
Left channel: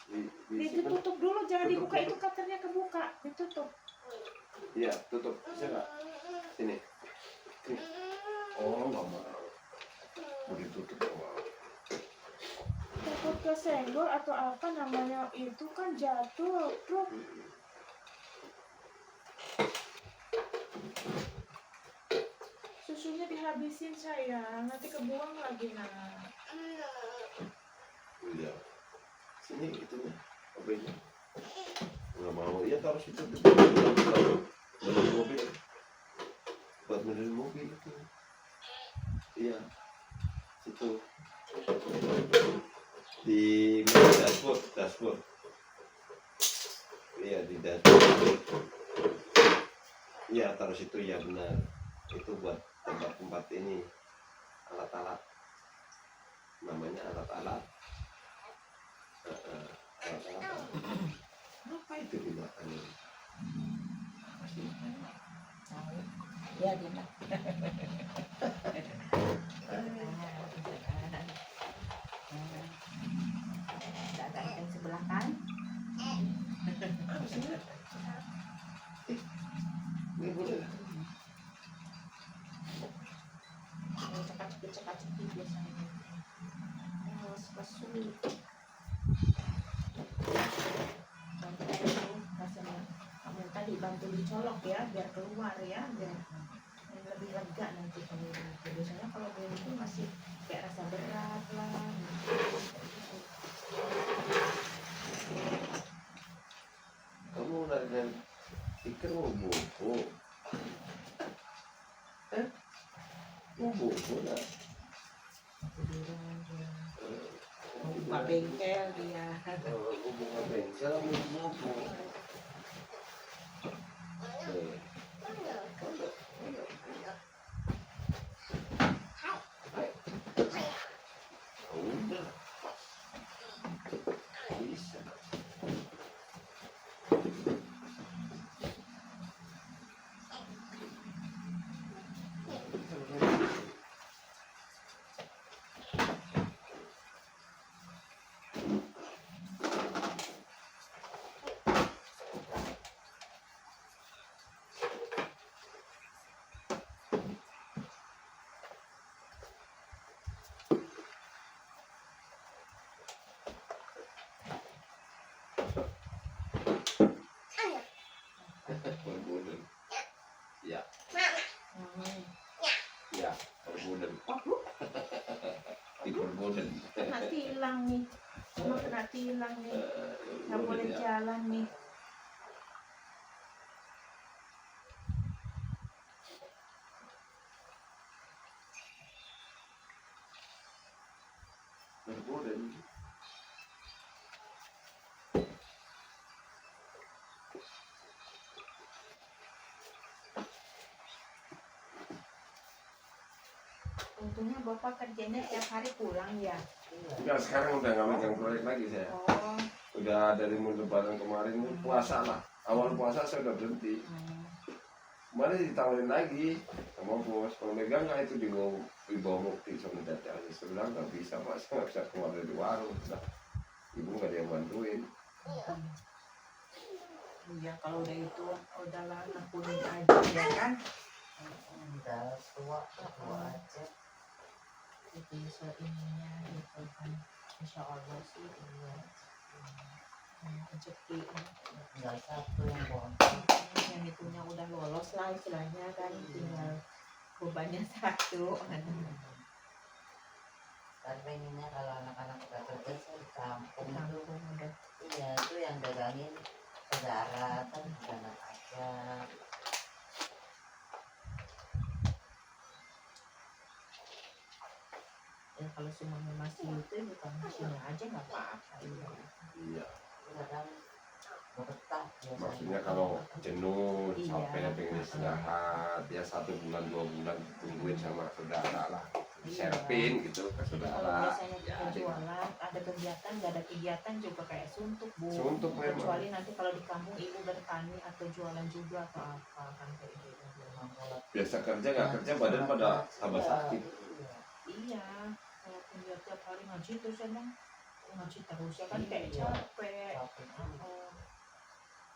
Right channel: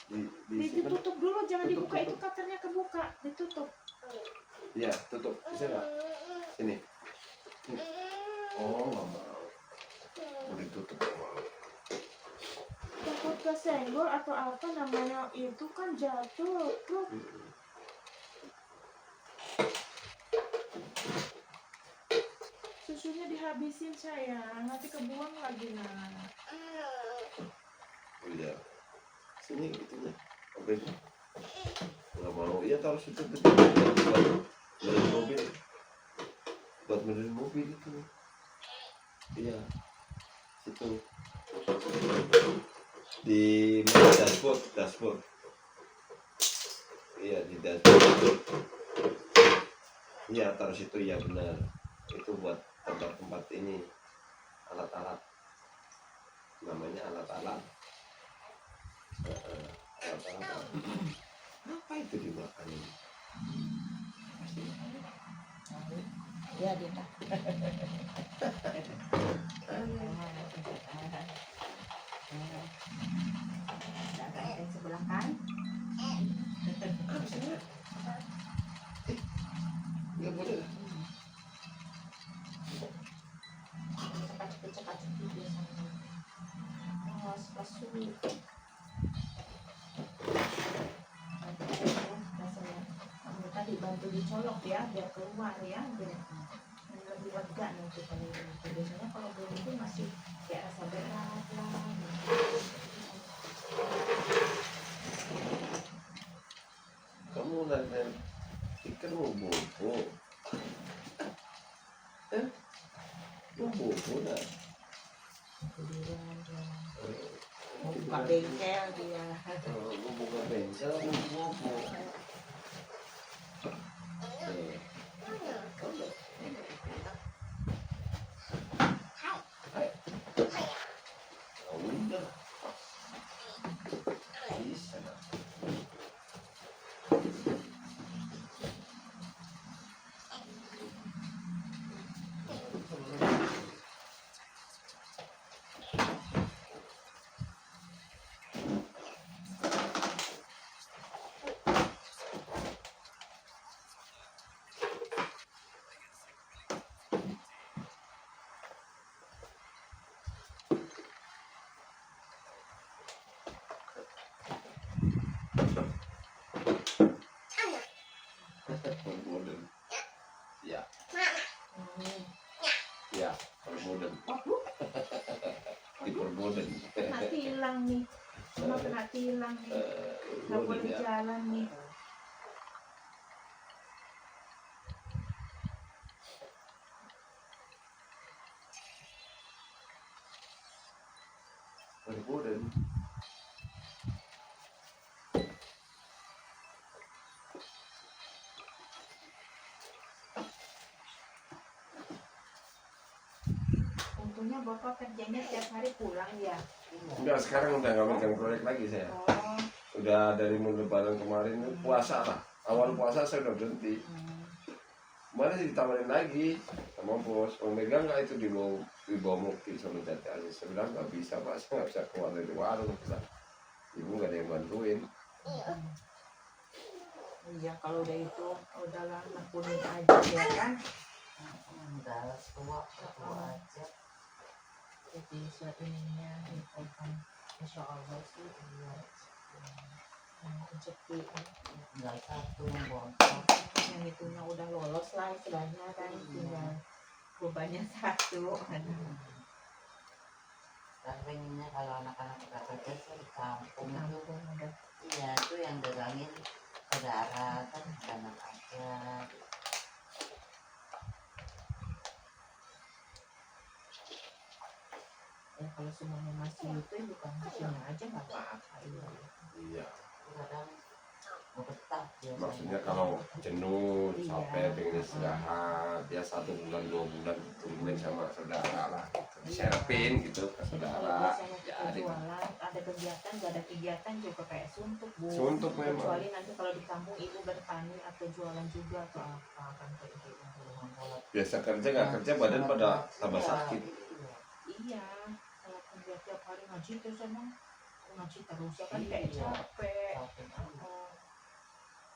Sini. Simpen. Ditutup dulu, jangan Tutup, dibuka tutup. itu katernya kebuka, ditutup. Iya, tutup. Bisa nggak? Sini. Oh, nggak mau. Mau ditutup nggak mau. Takut kesenggol atau apa namanya itu kan jatuh. Tuh. Susunya dihabisin sayang, nanti kebuang lagi nak. Iya. Sini itunya. Kabelnya. Nggak mau. Iya taruh situ. Dari mobil. Buat benerin mobil itu. Iya. Situ. Di mana dashboard. Iya di dashboard. Iya taruh situ ya benar. Itu buat tempat ini alat-alat. Namanya alat-alat. Alat-alat. Apa itu dimakan ini? Ya dia nak. dagang yang sebelah kan Nggak boleh. Cekak-cekik biasanya. Pas sulit. Rasanya kamu tadi bantu dicolok ya biar keluar ya biar lebih lega nanti kalau biasanya kalau belum itu masih kayak rasa berat lah. Kamu dan pikir mau bobo. Mau bobo lah. Mau buka bengkel dia. Mau buka bengkel, mau bobo. Udah. Bisa. Permuden. Ya, ya, permuden. Waduh, Dipermuden. kena tilang nih. Cuma kena tilang nih. Nggak boleh jalan nih. Permuden. Untungnya Bapak kerjanya tiap hari pulang ya. Enggak, sekarang udah nggak megang proyek lagi saya. Oh. Udah dari lebaran kemarin puasa lah. Awal puasa saya udah berhenti. Kemarin ditawarin lagi sama bos. Kalau megang nggak itu dibawa Mukti sama Tete aja. Saya bilang nggak bisa Pak, saya nggak bisa keluar dari warung. Nah, ibu nggak ada yang bantuin. Iya, kalau udah itu udahlah lakuin aja ya kan. Udah tua aja. Jadi seininya itu kan, insya Allah sih iya. Rezeki Tinggal satu yang bontot. yang itunya udah lolos lah istilahnya kan, tinggal bebannya satu. Kan pengennya kalau anak-anak kita kerja sih di kampung itu. Kampung udah. Iya, itu yang dagangin saudara kan kanan aja. Ya kalau semuanya masih itu bukan sini aja nggak apa-apa ya. Iya. Kadang betah biasanya. Maksudnya kalau jenuh, Iya. capek, pengen istirahat, ya 1 bulan 2 bulan tungguin sama saudara lah. Diserapin gitu ke Jadi kalau saudara. biasanya Ya, kita jualan, ada kegiatan, nggak ada kegiatan juga kayak suntuk bu. Suntuk memang. Kecuali nanti kalau di kampung ibu bertani atau jualan juga atau apa kan kayak gitu. biasa kerja nggak kerja badan pada tambah sakit. Iya, kalau dia tiap hari ngaji terus emang ngaji terus ya kan kayak Iya. capek.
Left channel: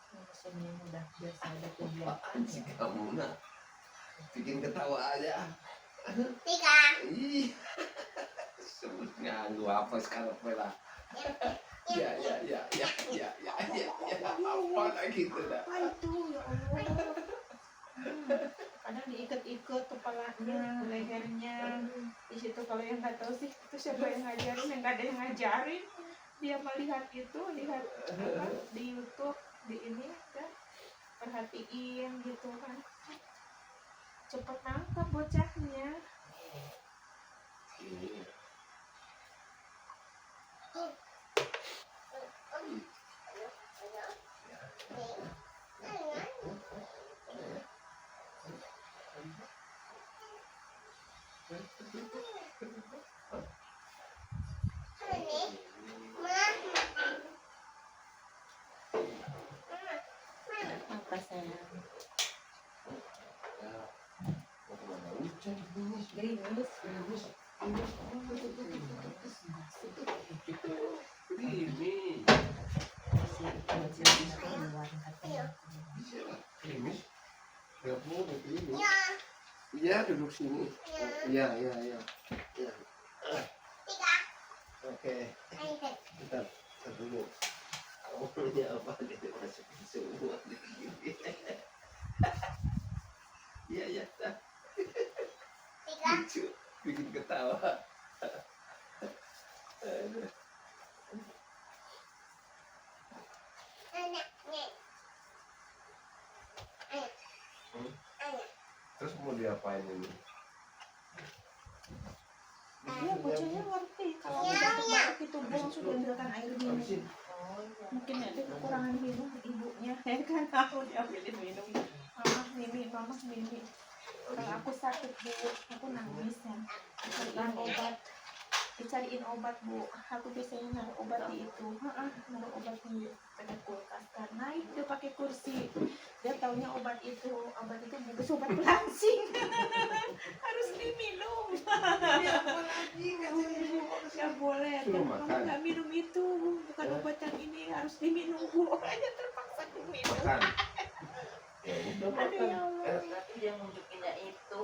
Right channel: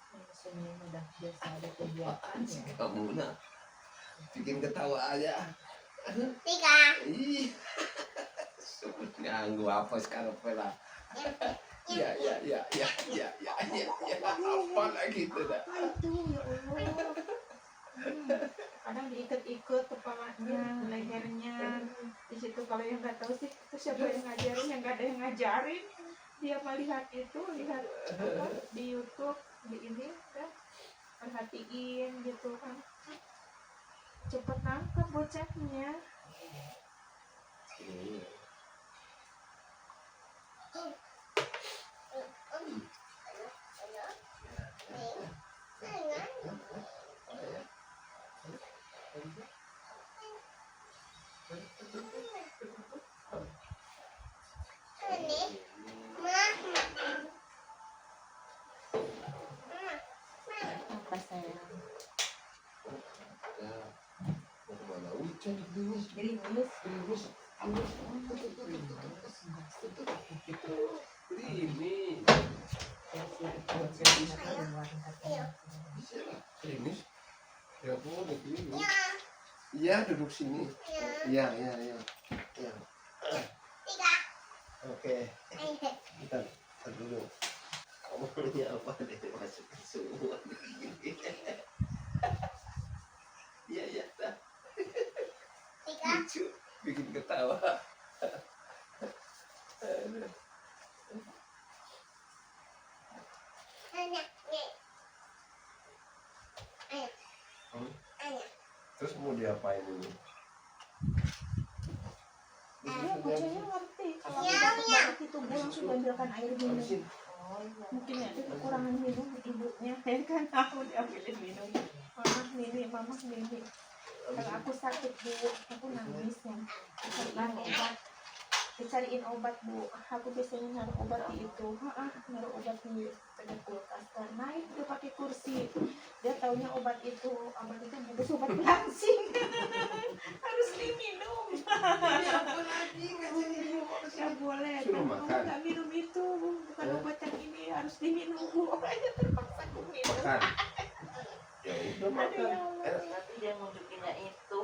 Oh, sebenarnya udah biasa ada kegiatan Si ya. kamu nah bikin ketawa aja. 3. Ih, sebut nganggu apa sekarang lah. Ya, apa lagi itu dah. Apa itu ya Allah? Kadang diikat-ikat kepalanya, lehernya. Di situ kalau yang nggak tahu sih itu siapa yang ngajarin, yang nggak ada yang ngajarin. Dia melihat itu, lihat apa di YouTube, di ini kan perhatiin gitu kan. Cepet nangkep bocahnya. Iya. Apa sayang? Ya, mau kemana? Hujan gerimis. Gerimis. Gerimis. Gerimis. Ya pun gerimis. Iya, duduk sini. Iya. Oke, bentar dulu. Kamu ini apa nih masukin semua nih. Iya, dah. Lucu, bikin ketawa. ngapain ini? Iya, bocahnya ngerti kalau aku batuk-batuk itu bu langsung diambilkan air minum. Oh iya. Mungkin ada kekurangan minum ibunya, ya kan, aku diambilin minum. Mama Mimi. Kalau aku sakit bu, aku nangis ya. Dicariin obat bu. Aku biasanya naruh obat di itu, naruh obat di dekat kulkas kan. Naik dia pakai kursi. Dia taunya obat itu bungkus obat pelangsing. Harus diminum. Gak boleh, Suruh mama makan. gak minum itu, bukan obat yang ini, harus diminum bu. Makanya terpaksa aku minum. Makan. Ya udah Aduh ya makan. Allah. Berarti dia nunjukinnya itu.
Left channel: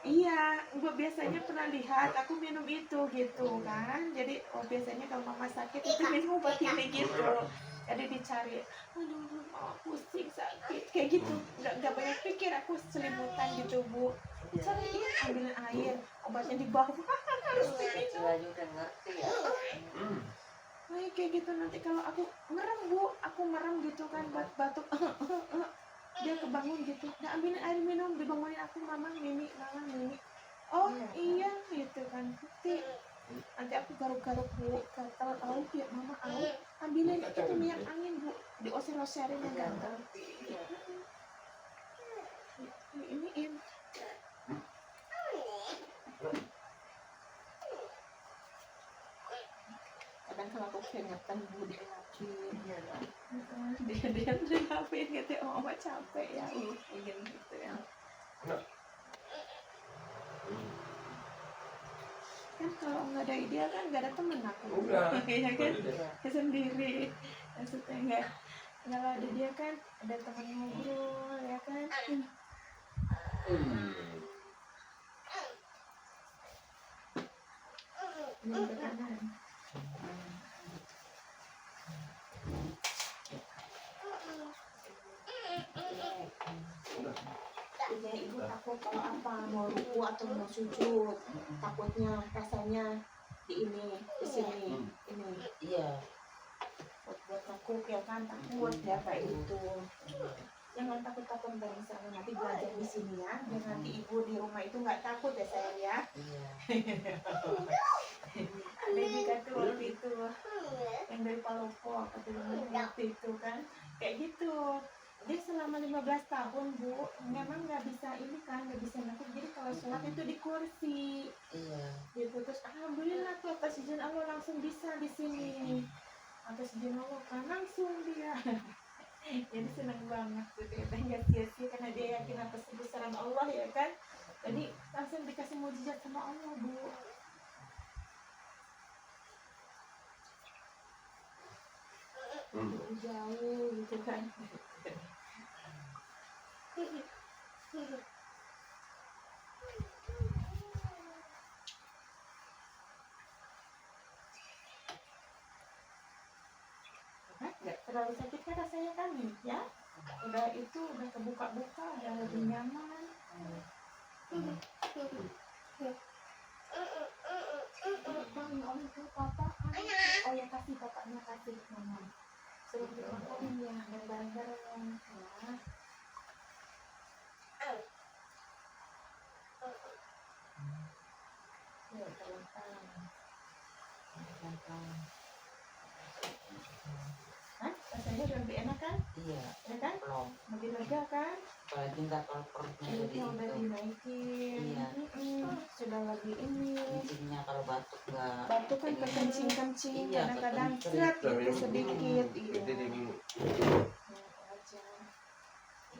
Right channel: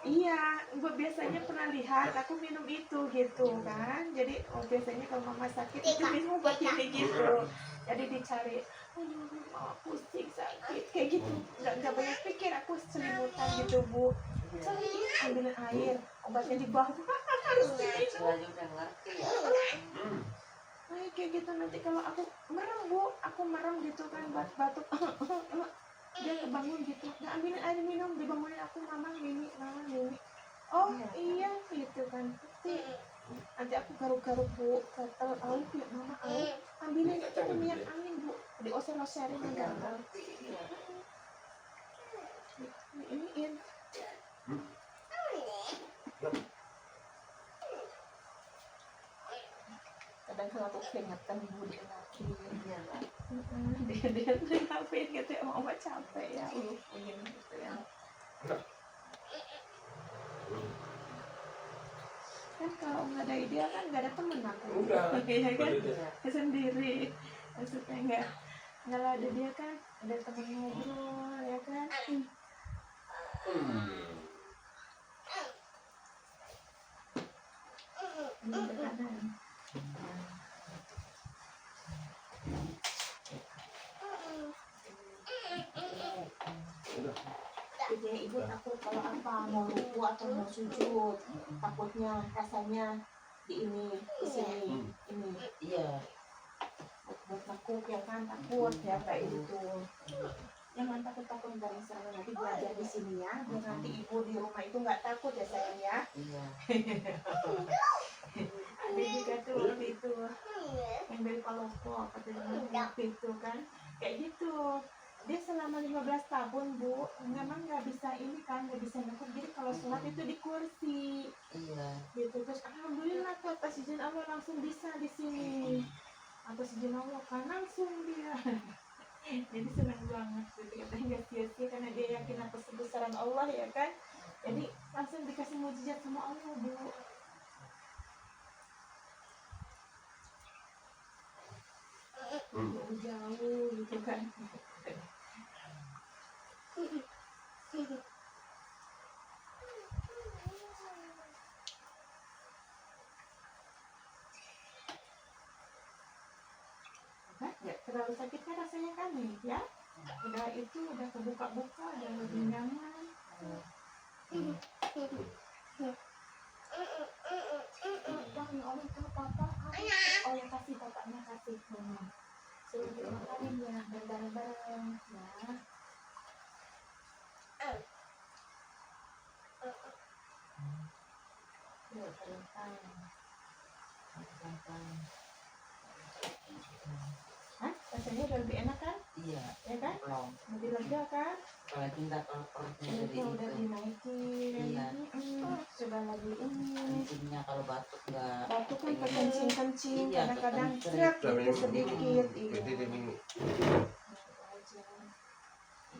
Iya, gue biasanya pernah lihat aku minum itu gitu kan. Jadi biasanya kalau mama sakit itu minum obat ini gitu. Jadi dicari, aduh mama pusing sakit kayak gitu. Nggak banyak pikir, aku selimutan gitu bu. Cariin, ambilin air, obatnya di bawah harus Kecil diminum. aja udah ngerti ya. Kayak gitu nanti kalau aku merem bu, aku merem gitu kan batuk. Dia kebangun gitu, udah ambilin air minum, dibangunin aku, mama Mimi. Oh iya gitu kan, nanti aku garuk-garuk bu, gatel, ya mama ambilin itu minyak angin bu, dioser-oserin yang gatel. Iniin. Kadang kalau aku keringetan bu dielapin. Iya lah. Dia ngapin gitu, mama capek ya, begini gitu ya. Kan kalau nggak ada dia kan nggak ada temen aku. Udah. Iya kan, Iya. sendiri. Maksudnya nggak ada dia kan, ada teman ngobrol ya kan. Ini ke kanan. Biasanya ibu takut kalau apa mau ruku atau mau sujud, takutnya rasanya di sini ini Iya. buat takut ya kan, takut ya kayak gitu. Jangan takut dari saya, nanti belajar di sini ya, biar nanti ibu di rumah itu nggak takut ya sayang ya. Iya. Ada juga tuh waktu itu yang dari Palopo atau dari waktu itu kan kayak gitu. Dia selama 15 tahun bu, memang nggak bisa ini kan, nggak bisa nakut. Jadi kalau sholat itu di kursi Iya. gitu. Terus alhamdulillah tuh atas izin Allah langsung bisa di sini. Atas izin Allah kan langsung dia. Jadi senang banget gitu, kita nggak sia-sia karena dia yakin atas kebesaran Allah ya kan. Jadi langsung dikasih mukjizat sama Allah bu. Jauh gitu kan. Nggak terlalu sakit kan rasanya kan nih ya. Udah kebuka-buka, udah lebih nyaman. Bang, ya Allah itu papa. Oh ya kasih bapaknya kasih mama. Suruh dimakanin ya, dan bareng-bareng ya. Yuk, pelan-pelan. Hah? Rasanya udah lebih enak kan? Iya. Ya kan? Belum. Lebih lega kan? Apalagi nggak kalau perutnya Itu jadi udah itu. dinaikin. Iya. Coba lagi ini. Intinya kalau batuk nggak. Batu kan kekencing-kencing, Iya, kadang-kadang kekencing. seret gitu sedikit. Iya. Jadi dia gini. Wajar.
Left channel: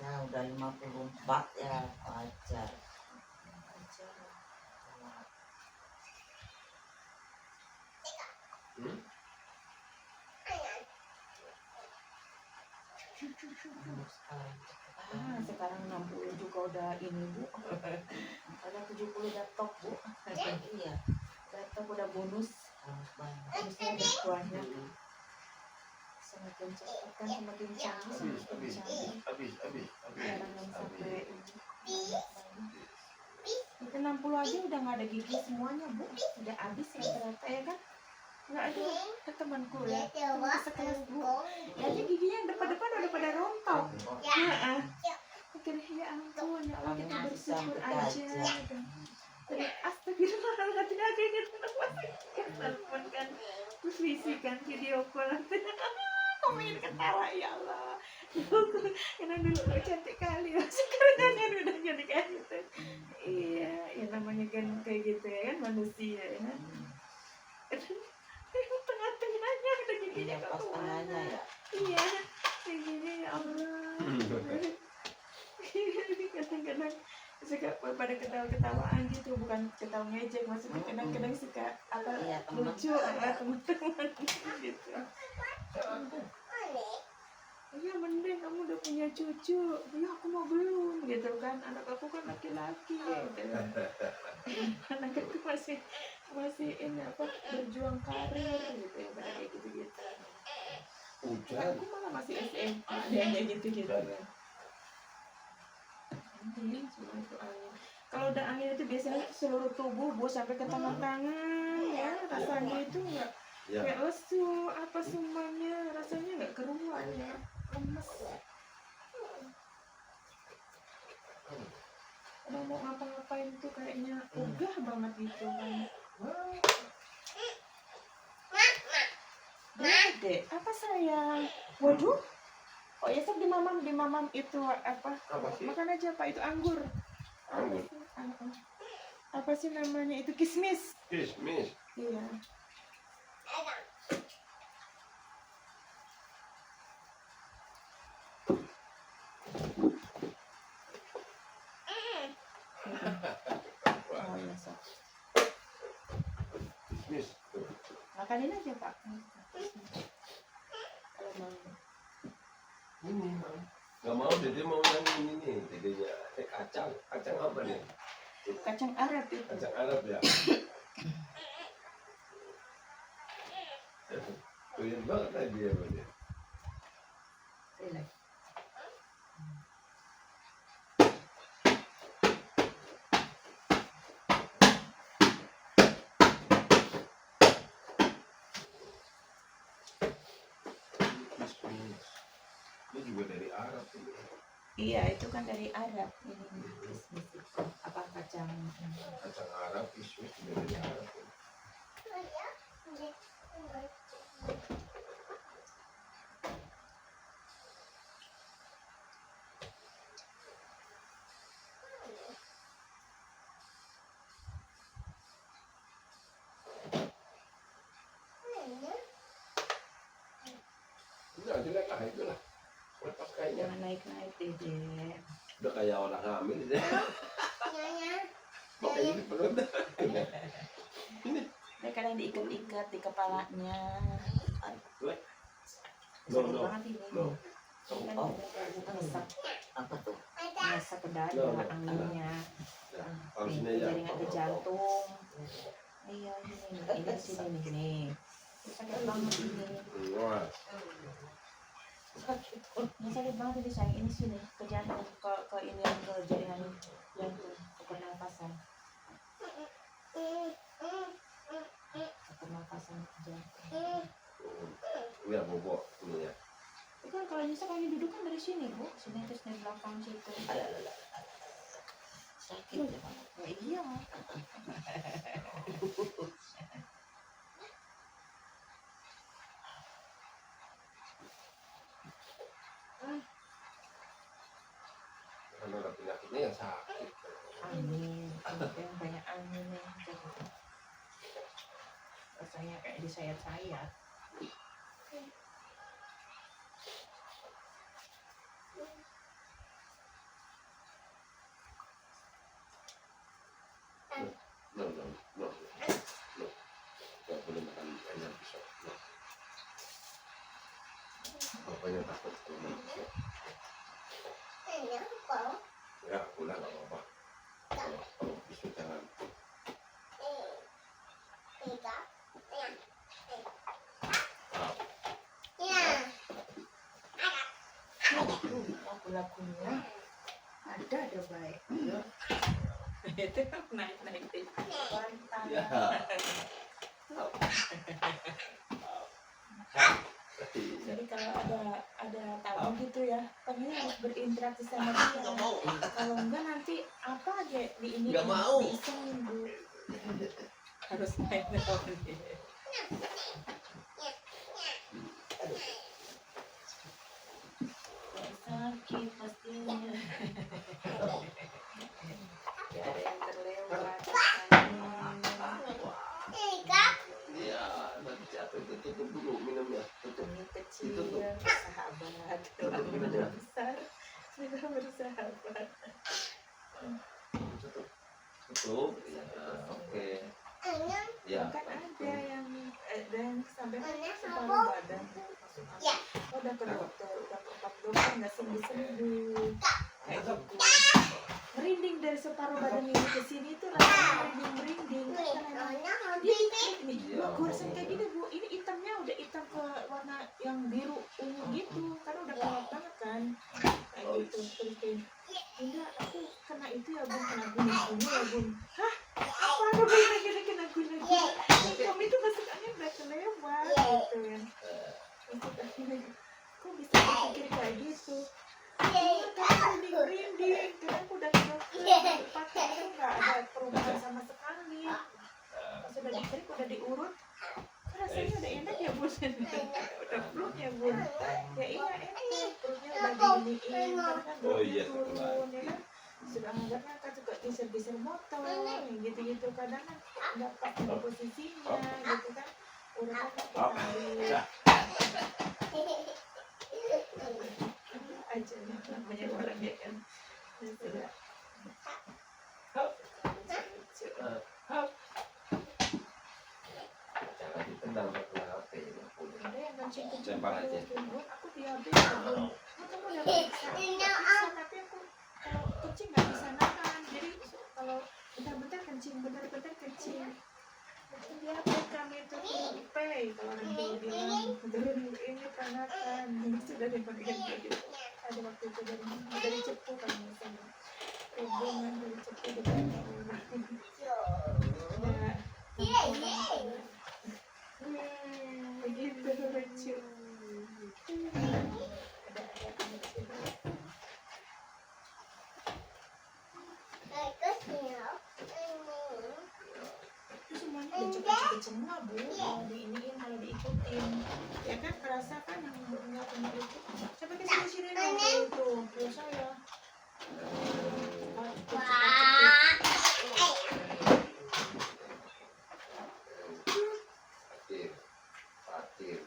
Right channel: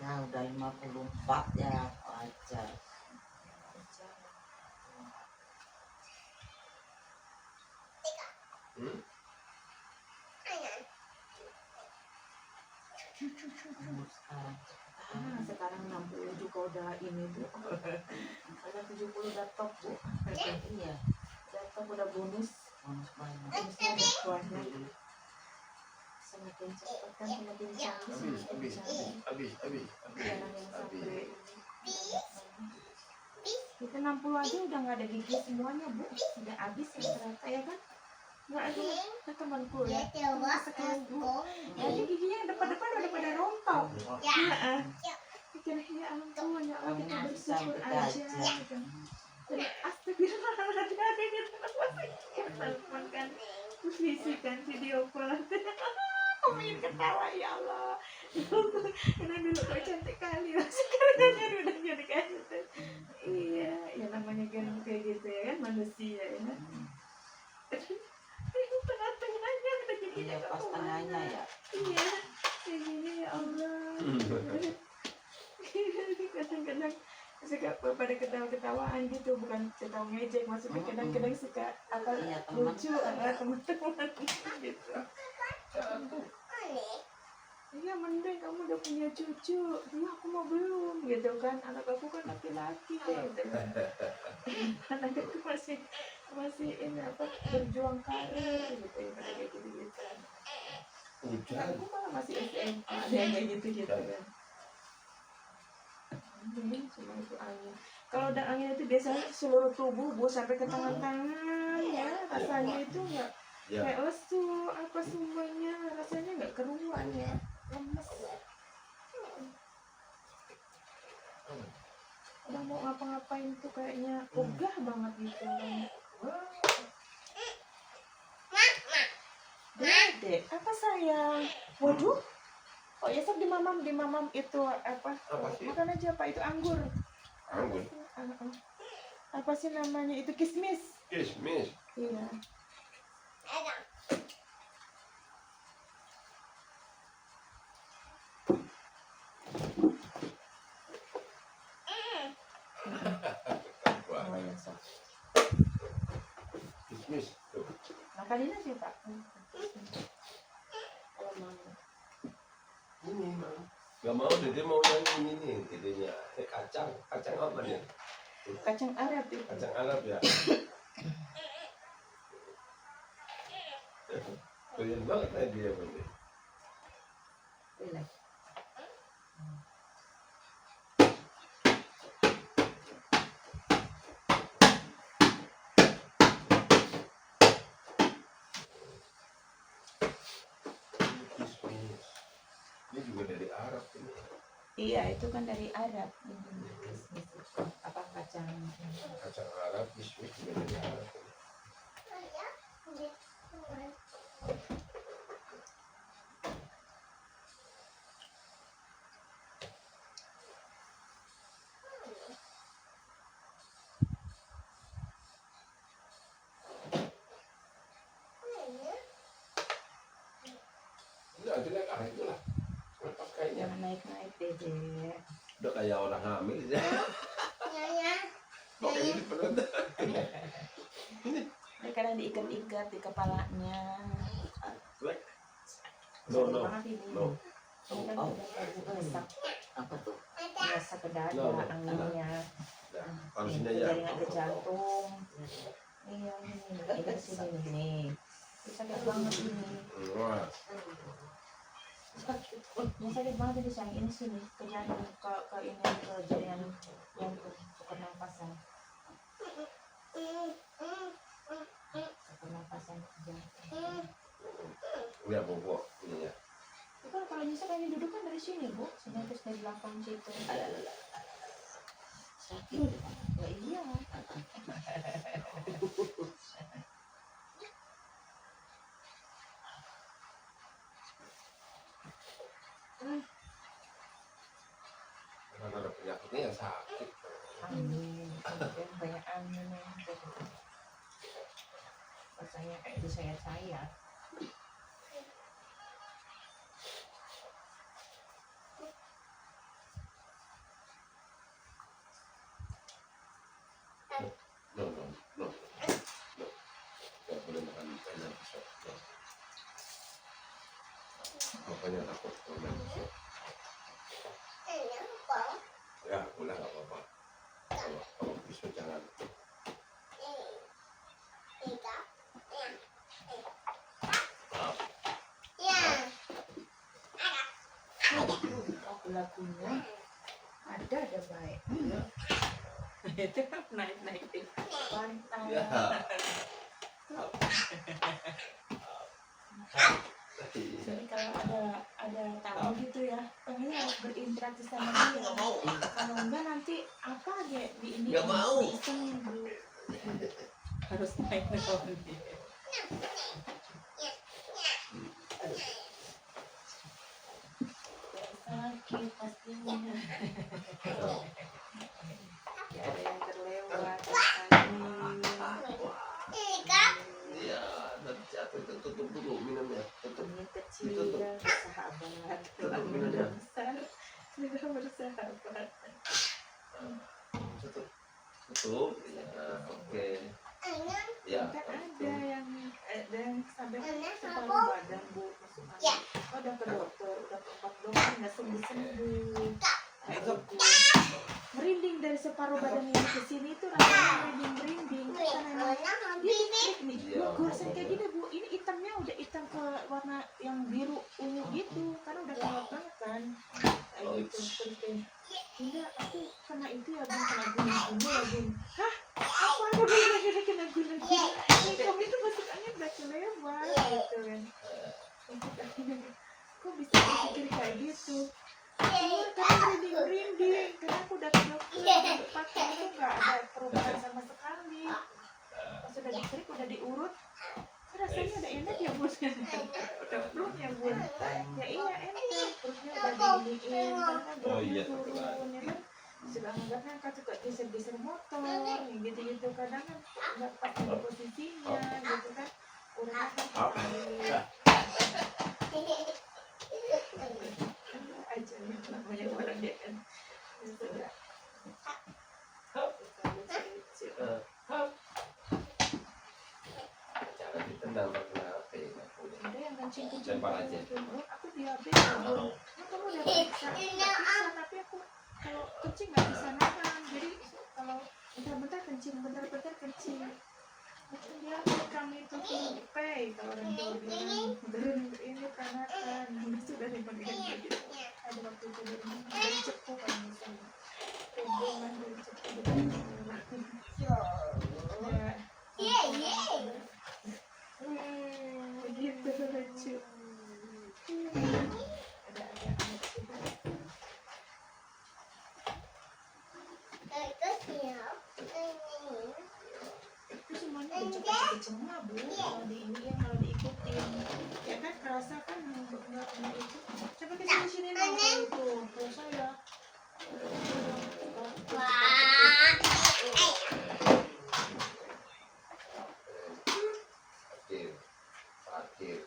Ya udah 54 ya wajar. Wajar. Sekarang 60 juga udah ini bu. Ada 70 udah top bu. Iya. Udah top, udah bonus. Bonus banyak. Bonusnya ada banyak. Semakin cepat kan semakin canggih, semakin canggih. Habis. Jarang yang sampai kita 60 aja udah nggak ada gigi semuanya bu, udah habis ya ternyata ya kan. Nggak ada temanku ya, teman sekelas bu, ya aja giginya yang depan udah pada rontok. Mikir ya ampun, ya Allah kita Kamu bersyukur bisa aja. aja. Kan. Terus astagfirullahaladzim kayak gitu telepon kan, terus visi kan video call aku ingin ketawa ya Allah. Karena dulu kau cantik kali, sekarang kan udah jadi kayak gitu. Iya, ya namanya kan kayak gitu ya kan manusia ya kan. Tengah-tengahnya udah gini Iya pas tengahnya ya. Iya, kayak gini ya Allah. Kadang-kadang suka pada ketawa-ketawaan gitu, bukan ketawa ngejek, maksudnya kadang-kadang suka apa Iya, teman. lucu teman-teman gitu. Iya mending kamu udah punya cucu, ya aku mau belum gitu kan, anak aku kan laki-laki gitu. Anak aku masih ini apa berjuang karir gitu ya, pada kayak gitu-gitu. Hujan. Aku malah masih SMA, ada yang kayak gitu-gitu kan. Angin, semua itu angin. Kalau udah angin itu biasanya seluruh tubuh bu sampai ke tangan-tangan ya, rasanya itu enggak Ya. kayak lesu apa semuanya, rasanya nggak keruan ya, lemes. Udah mau ngapa-ngapain tuh kayaknya ogah banget gitu kan. Dede, apa sayang? Waduh. Oh ya sok di mamam itu apa? Apa sih? Makan aja Pak, itu anggur. Anggur. Apa sih namanya? Itu kismis. Kismis. Iya. Oh ya sok. Kismis. Tuh. Makanin aja Pak. Kalau mau. Ini mau. Gak mau, Dede mau yang ini nih. Dedenya kacang. Kacang apa nih? Kacang Arab itu. Kacang Arab ya. Doyan banget lagi ya Bang. Relax. Kismis. Ini juga dari Arab ini. Iya, itu kan dari Arab ini. Kismis itu apa kacang? Kacang Arab, kismis juga dari Arab. Udah, silakan itulah. Lepas kayaknya. Jangan naik-naik Dede. Udah kayak orang hamil ya. Kok kayak di perut. Ini kadang diikat-ikat di kepalanya. No, Sakit no. banget ini. No. Ini kan Oh. udah ngesak, Apa tuh? ngesak ke dada No. anginnya. Ya, Ke harusnya ya. jaringan ke jantung. Iya ini di sini nih. Ini sakit banget ini. Wah. Ini sakit banget ini sayang, ini sini ke jantung, ke ini ke jaringan jantung, ke pernapasan. Ke pernapasan jantung. Ini ya bobok ini ya. Itu kan kalau nyesek hanya duduk kan dari sini bu, sini terus dari belakang situ. Sakit ya. Ya iya. Karena ada penyakitnya yang sakit. Angin, kemudian banyak angin yang jadi rasanya kayak disayat-sayat. No, no, no. No. Gak boleh makan banyak pisau. No. Makanya takut kena pisau. Ya, boleh nggak apa-apa. Kalau pisau jangan. Lagu-lagunya ada baik. Itu naik-naik di pantai. Ya. Jadi kalau ada tamu gitu ya, pengennya harus berinteraksi sama dia. Kalau enggak nanti apa aja di ini Nggak mau. diisengin Bu. Harus main sama dia. Sakit pastinya. Ya, ada yang terlewat. Tiga. Iya, nanti capek itu tutup dulu minumnya. Tutup. Ini kecil bersahabat, lalu udah besar sudah bersahabat. Tutup. Tutup. Ya, oke. Enam. Ya. Kan ada yang sampai separuh badan Bu masuk angin. Oh, udah ke dokter, udah ke 4 dokter nggak sembuh. Kayak gitu. Merinding dari separuh badan ini ke sini tuh rasanya merinding. Karena emang dia ini Iya. goresan kayak gini Bu, ini hitamnya udah hitam ke warna yang biru ungu gitu, karena udah kelap banget kan, kayak gitu. Terus kayak, Bunda, aku kena itu ya Bun, kena guna-guna ya Bun. Hah? Apa aku kena guna-guna? Kamu itu masuk angin udah kelewat gitu kan. Masuk angin, kok bisa berpikir kayak gitu? Iya, karena merinding, karena aku udah ke dokter, pakai itu nggak ada perubahan sama sekali. Pas udah dikerik, udah diurut, kok rasanya udah enak ya Bun? Udah pluk ya Bun? Ya iya enak, perutnya udah diiniin, karena kan Oh iya, beratnya turun, ya kan? Sudah anggarnya kan suka geser-geser motor, ya gitu-gitu, kadang kan nggak pas di posisinya, gitu kan? Uratnya kan ketarik. Aja nih namanya orang ya kan. Ya sudah. Lucu. Jangan ditendang pakai HP. nggak boleh. Ada yang kencing-kencing Lempar aja. Bun. Aku diabetes ya Bun. Nah, kamu udah periksa, aku nggak bisa, tapi aku kalau kencing nggak bisa nahan. Jadi kalau bentar-bentar kencing, bentar-bentar kencing. Itu diabetes kami itu turun pay kalau orang tua bilang turun ini peranakan. Sudah dipakai gitu. Ada waktu itu dari Cepu kan misalnya. Hubungan dari Cepu dengan orang. Ya, begitu lucu. Ada lucu. Itu semuanya dicek-cek semua Bu, kalau diiniin, kalau diikutin, ya kan kerasa kan yang nggak pernah itu. Coba ke sini dong kalau itu, kalau saya. Terakhir. Terakhir.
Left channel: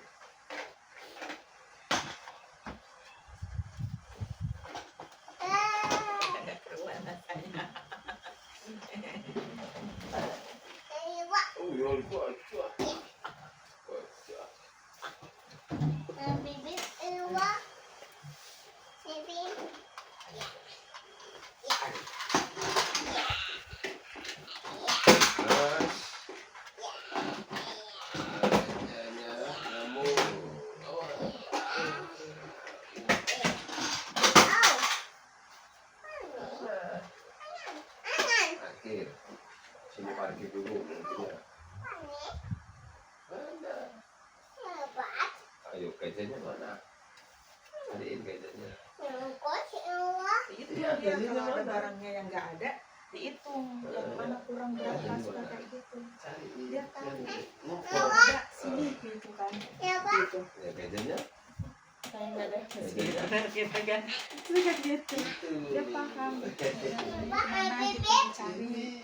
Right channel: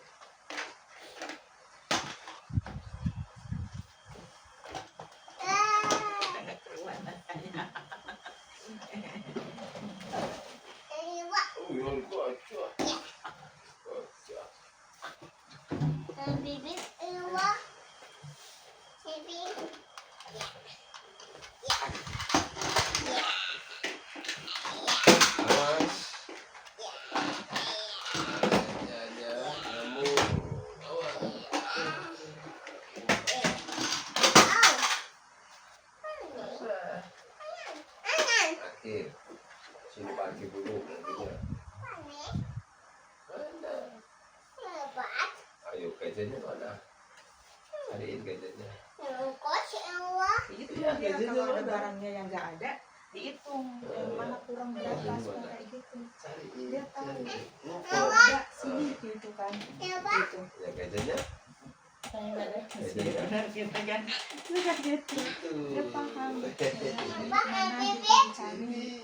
Oh, yang lupa. Terakhir. Sini parkir dulu mobilnya. Mana? Ayo gajahnya mana? Cariin gajahnya. Itu Iya, dia biasanya kalau ada ada. barangnya yang nggak ada dihitung yang mana kurang berapa, suka kayak gitu. Cariin. Dia tahu Cariin. kalau ada sini gitu kan, gitu. Ya gajahnya. Saya nggak ada Gajahnya. gitu kan, itu kan gitu. Dia paham mana gitu dicari.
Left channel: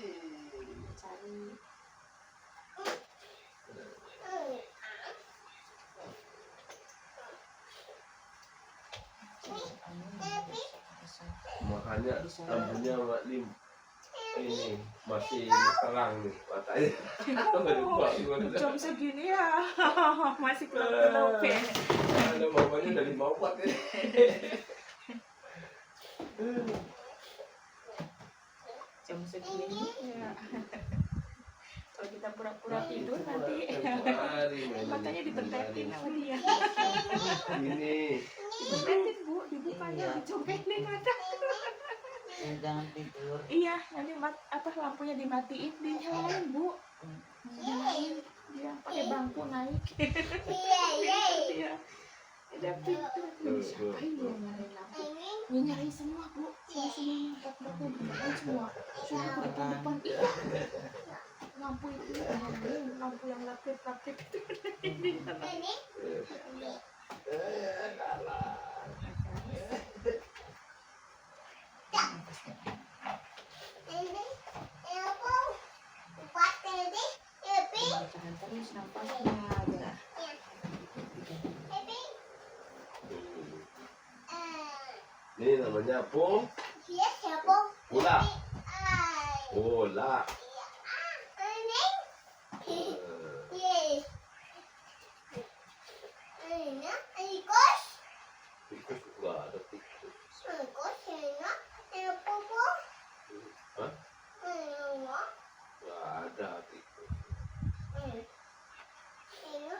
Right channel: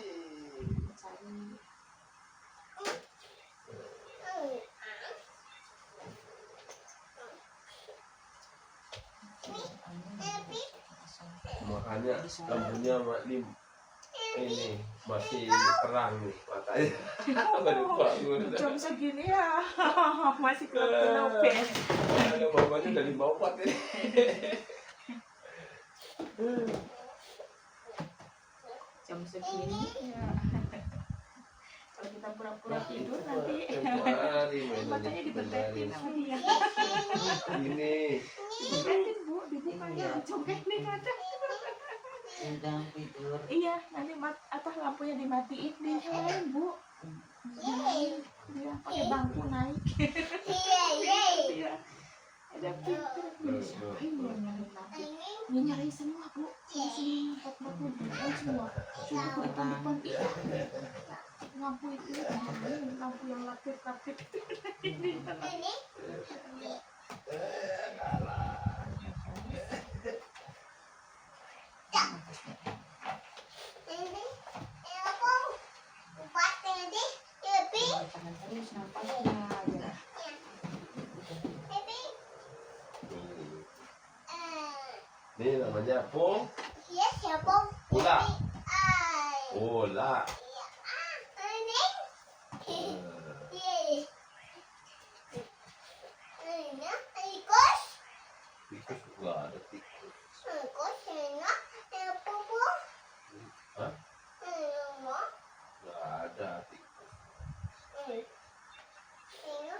Makanya lampunya ini masih terang nih matanya. Jam segini ya masih kelap-kelap ya. Ada mamanya dari bawah nih. Jam segini ya. Kalau kita pura-pura tidur nanti matanya dibentetin sama dia. Ini. Dibentetin Bu, dibukanya, dicongkelin ada. Jangan tidur. Iya, nanti lampunya dimatiin, dinyalain Bu. Dinyalain, dia pakai bangku naik. Dia ada pintu. Siapa ini yang semua. Sudah ke depan-depan. Iya. Lampu itu lampu yang lapit-lapit itu. Ini. Ini. Ini apa? Buat ini. Ini. Tahan terus nampaknya aja. Ini. Ini namanya Iya siapa? bola. Ai. Bola. Ini. Iya. Ini. Ikut. Tikus nggak ada tikus. Ikut. Ini. Apa bu? Hah? Ini. Nggak ada tikus. Ini. Ini.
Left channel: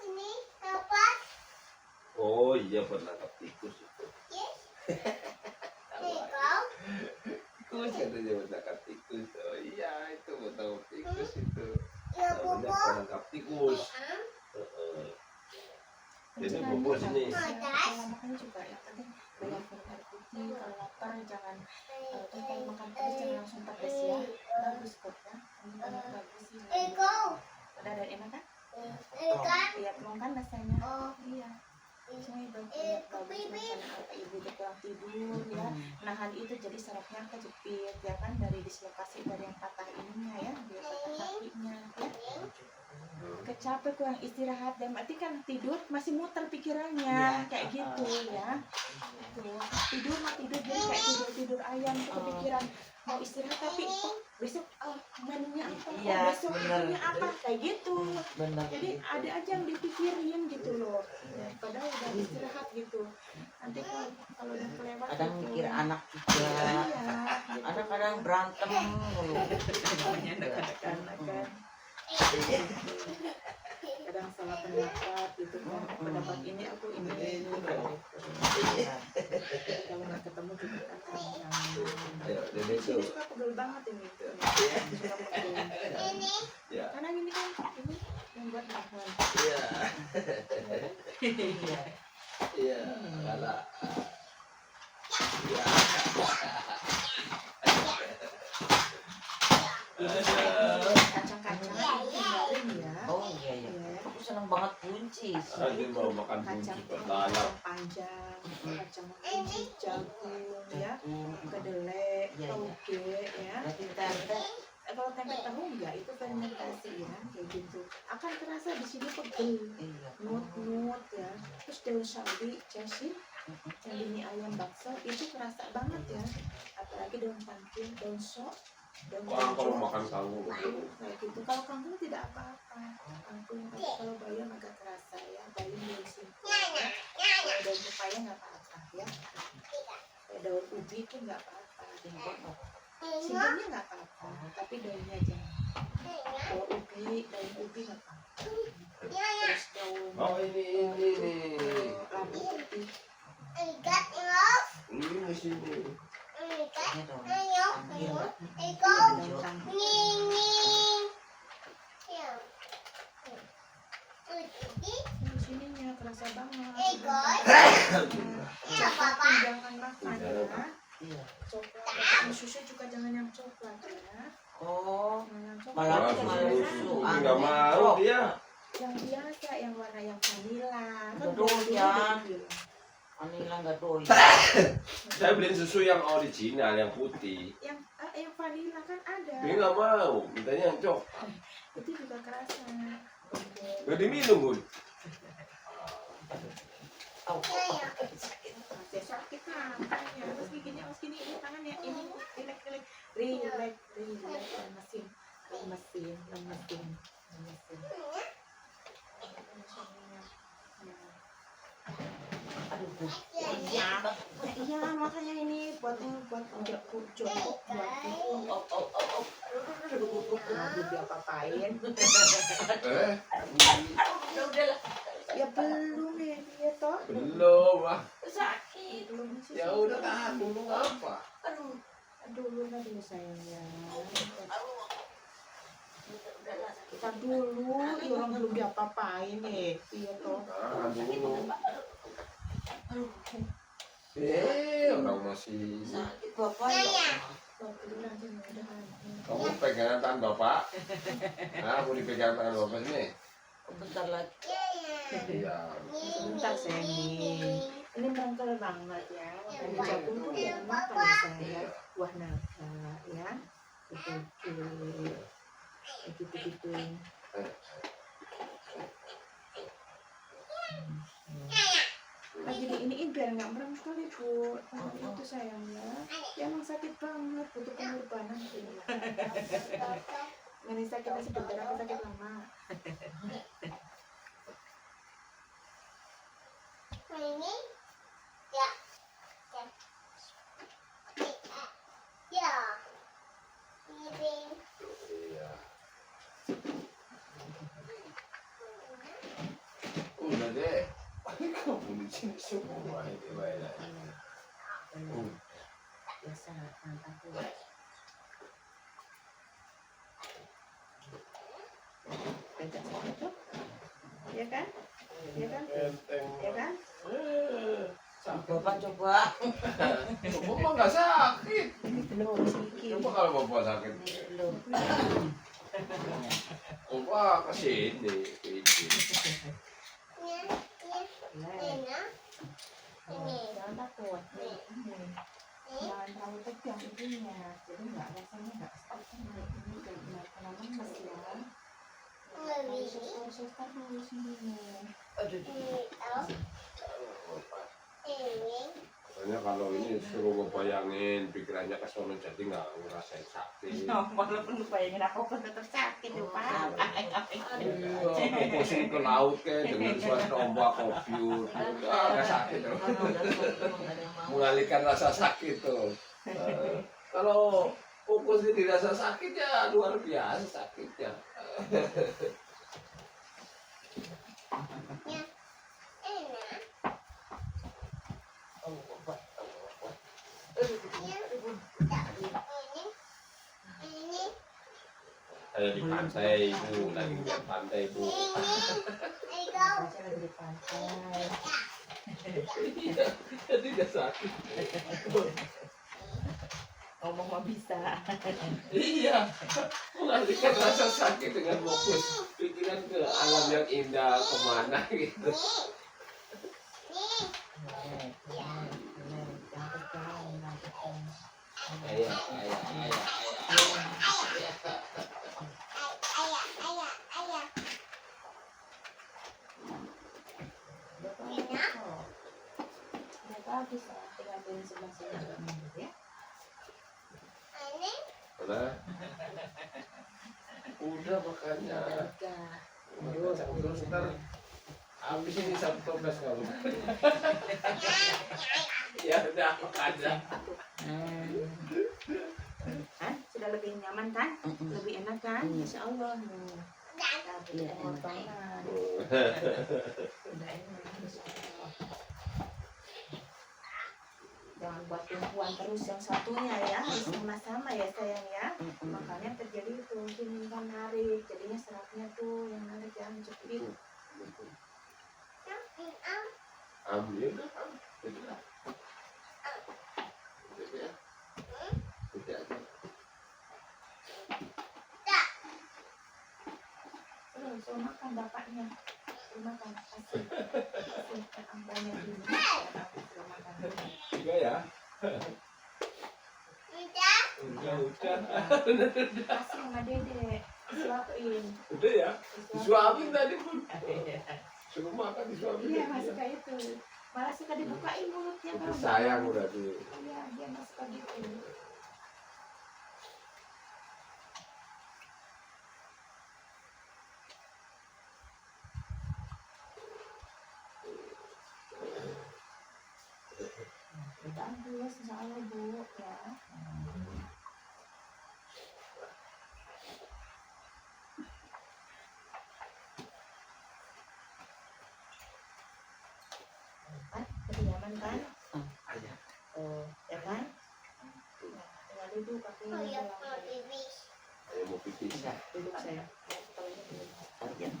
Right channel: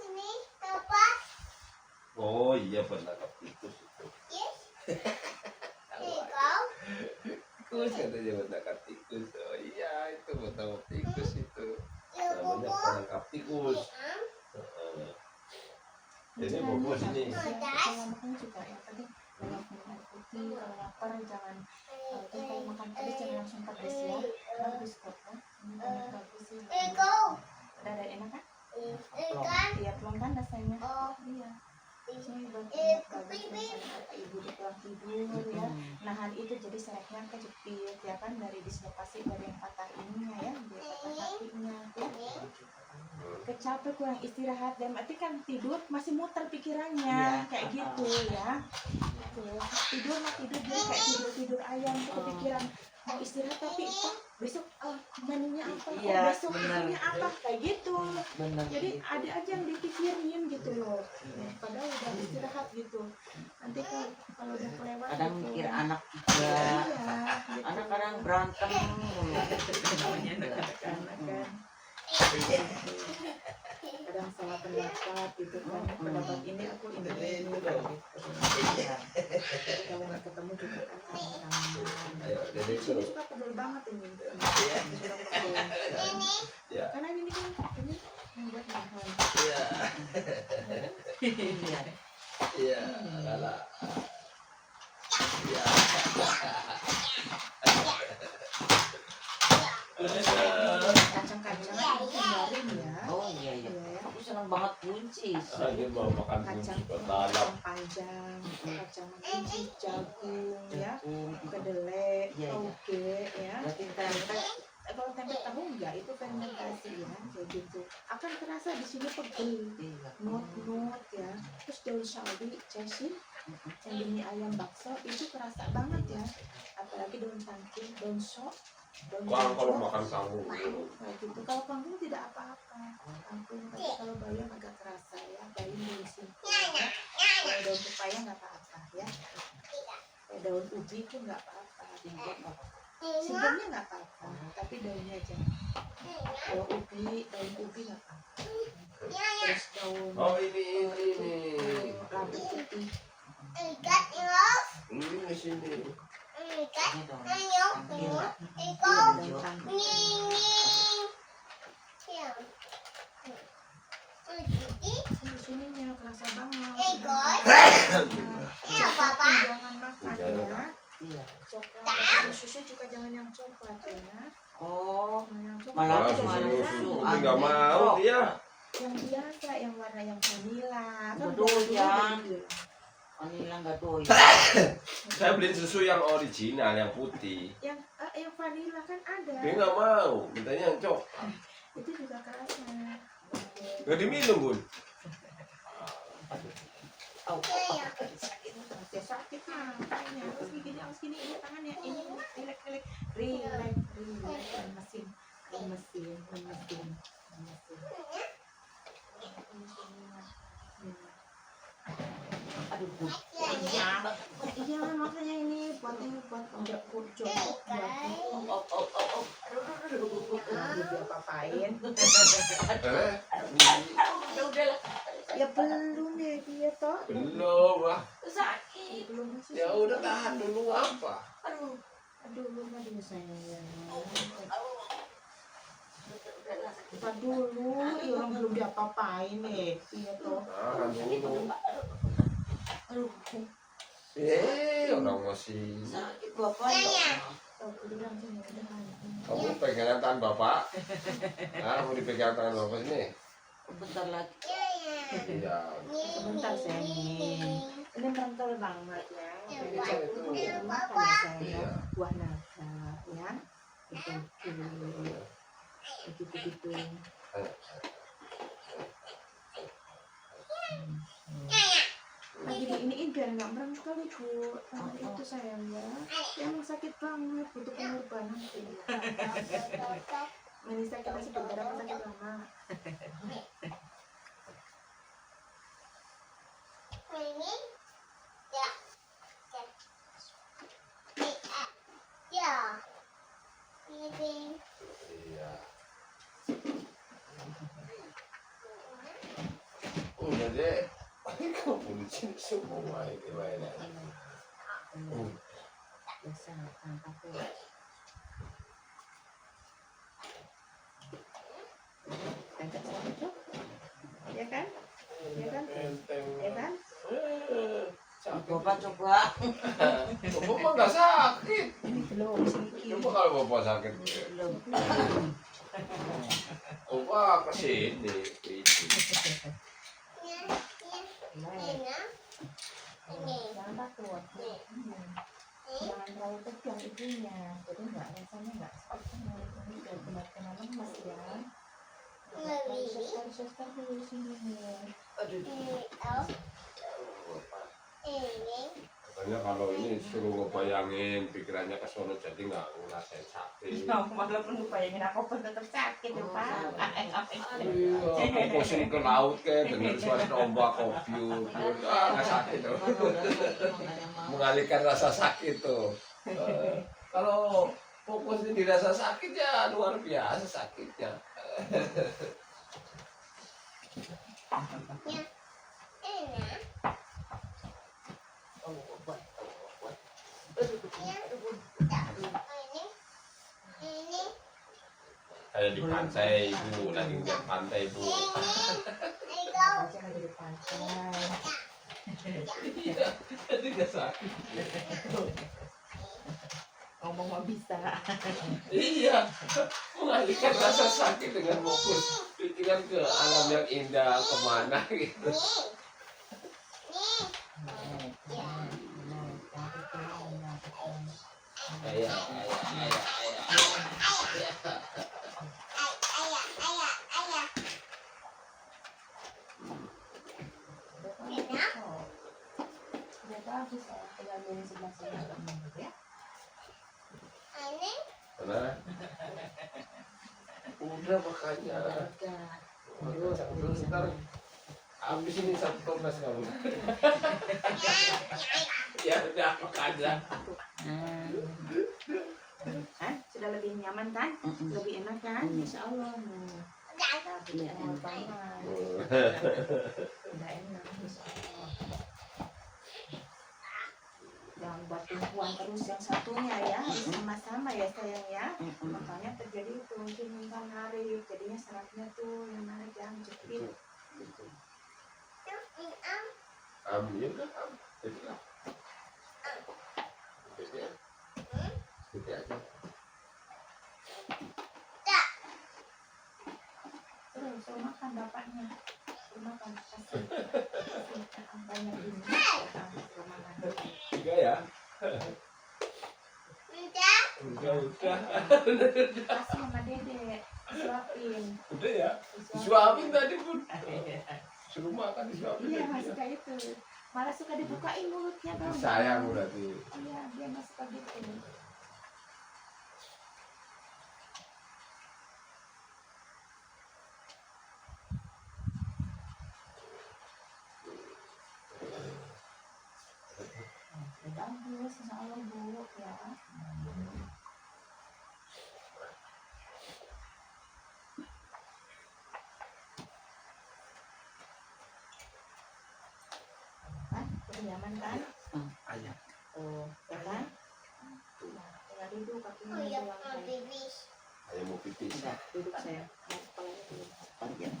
Ini apa? Oh iya penangkap tikus itu. Yes. Ini kau. Tikus ada yang penangkap tikus. Oh iya itu penangkap tikus itu. Ya Namanya bobo. penangkap tikus. Heeh. Jadi bobo sini. Kalau makan juga yang penting banyak minum air putih. Kalau lapar jangan terus kalau makan pedas jangan langsung pedas ya. Bagus kok ya. Ini banyak bagus sih. Iko. Udah ada enak kan? Ikan. Iya plong kan rasanya. Oh. Iya. Semuanya banyak bagus misalnya apa ibu udah kurang tidur ya. Nahan itu jadi sarafnya kejepit ya kan dari dislokasi dari yang patah ininya ya, dia patah kakinya ya. Kecapek kurang istirahat dan berarti kan tidur masih muter pikirannya kayak gitu ya. Tuh, tidur mah tidur jadi kayak tidur ayam tuh kepikiran mau istirahat tapi besok menunya apa, Iya, besok bener. menunya apa kayak gitu. Benar. Jadi ada aja yang dipikirin gitu loh. Padahal udah istirahat gitu. Nanti kalau udah kelewat Kadang gitu. mikir anak juga. Iya, gitu. Anak kadang berantem mulu. Namanya anak-anak kan. Kadang salah pendapat gitu kan. Pendapat ini aku ini kayak gitu. Iya. Jadi kalau nggak ketemu juga kan nyaman. Ayo, jadi Di sini itu. suka pegel banget ini. Suka pegel. Ini. Ya. Karena gini kan ini yang buat nahan. Iya. Iya. Iya. Kalah. Iya. Kacang-kacangan itu hindarin ya. Oh iya iya. Iya ya. Aku senang banget buncis. Dia mau makan Kacang buncis berlalap. panjang, kacang kunci, jagung ya, Jagung. kedelai, Iya, iya. toge ya. Berarti tempe. Kalau tempe tahu enggak itu fermentasi ya kayak gitu. Akan terasa di sini pegel, Iya. nut ya. Terus daun sawi, jasin, yang di mie ayam bakso itu kerasa banget ya. Apalagi daun tangkil, daun sok, daun Wah, kalau hijau. makan kangkung itu. Kayak gitu. Kalau kangkung tidak apa-apa. Kangkung, tapi kalau bayam agak terasa ya. Bayam daun singkong ya. Kalau daun pepaya nggak apa-apa ya. Kayak daun ubi pun nggak apa-apa. Singkong nggak apa-apa. Singkongnya nggak apa-apa, tapi daunnya aja. Kalau ubi, daun ubi nggak apa-apa. Terus daun Oh ini. labu putih. Ikan. Ini di sini. Ikan. Ini dong. Ayo. Panggil. Ikan. Daun tangkil. Ning. Ya. Di sininya kerasa banget. Iya, Coklat Papa. pun jangan makan ya. Iya. Coklat, susu juga jangan yang coklat ya. Oh. Jangan yang coklat. Malah Malah malah susu. susu. Ini nggak mau dia. Yang biasa, yang warna yang vanila. Kan Betul, dari dulu Jan. udah dibilang. Vanila nggak doyan. Saya beli susu yang original, yang putih. Yang vanila kan ada. Dia nggak mau, mintanya yang coklat. Itu juga kerasa. Nggak diminum, Bun. Oh. Masih sakit makanya. Terus gini, ini tangannya ini relax, lemesin. Aduh. Iya, makanya ini buat jongkok buat aduh diapa-apain. Ya belum ya dia toh. Belum lah. Sakit. Belum sih. Ya udah tahan dulu apa? Aduh. Aduh, aduh sayang. Kita Udahlah. dulu, ya orang belum diapa-apain nih. Iya toh. Tahan dulu. Aduh. Orang masih. Sakit bapak ya. Bapak bilang sini udahan. Kamu pegangan tangan bapak. Mau dipegang tangan bapak nih. Bentar lagi. Iya. Sebentar sayang nih. Ini merantau banget ya. Makanya jagung pun jangan makan ya sayang ya. Buah naga ya. Betul. Gitu-gitu. Lagi diiniin biar nggak merem sekali bu. Nah, itu sayang ya. Ya emang sakit banget, butuh pengorbanan. Ini sakitnya sebentar apa sakit lama? Ini ya. Ya. Ini. Iya. Udah deh. Kamu di sini semua itu banyak. Biasa takut. Pencet sama cok. Ya kan? Ya kan? Ya kan? Bapak coba. Bapak mah nggak sakit. Belum sedikit. Coba kalau bapak sakit, Belum. bapak kesini. Jangan takut. Jangan terlalu tegang ibunya. Jadi nggak rasanya nggak seperti ini benar-benar lemes ya. Harus terus ini. Aduh. Katanya kalau ini suruh ngebayangin pikirannya ke sono jadi nggak ngerasain sakit. Walaupun lu bayangin apa pun tetap sakit ya pak. Iya, pusing ke laut kayak dengan suara ombak kopiur, nggak sakit tuh. Mengalihkan rasa sakit tuh. Kalau fokusnya di rasa sakit ya luar biasa sakitnya. Kayak di pantai bu, lagi di pantai bu. Baca lagi di pantai. Iya, jadi nggak sakit. Ngomong mah bisa. Iya, mengalihkan rasa sakit dengan fokus pikiran ke alam yang indah kemana gitu. Ayah. Udah bagus ya, tinggal ambilin sebelah sini ya. Mana? Udah makanya. Terus ntar habis ini Sabtu mes kamu. Ya udah makanya. Kan sudah lebih nyaman kan? Lebih enak kan? Insya Allah. Iya, enak. Udah enak. Insya Allah. Jangan buat tumpuan terus yang satunya ya, harus sama-sama ya sayang ya. Makanya terjadi itu mungkin kan narik, jadinya seratnya tuh yang narik yang jepit. Ambil udah, itu lah. Itu aja. Suruh makan bapaknya, suruh makan kasih banyak ini. Suruh makan. Tiga ya. Kasih sama dede, disuapin. Udah ya. Disuapin tadi pun. Suruh makan disuapin. Iya masih kayak itu, malah suka dibukain mulutnya Itu kalau sayang nggak mau. berarti. Iya dia masih suka gitu. Bagus, insya Allah bu ya. Kan, udah nyaman kan? Ayah. Oh, ya kan? Nah, tinggal duduk kakinya ke lantai. Ayah mau pipis. Duduk sayang. Kepalanya dulu. Panjang.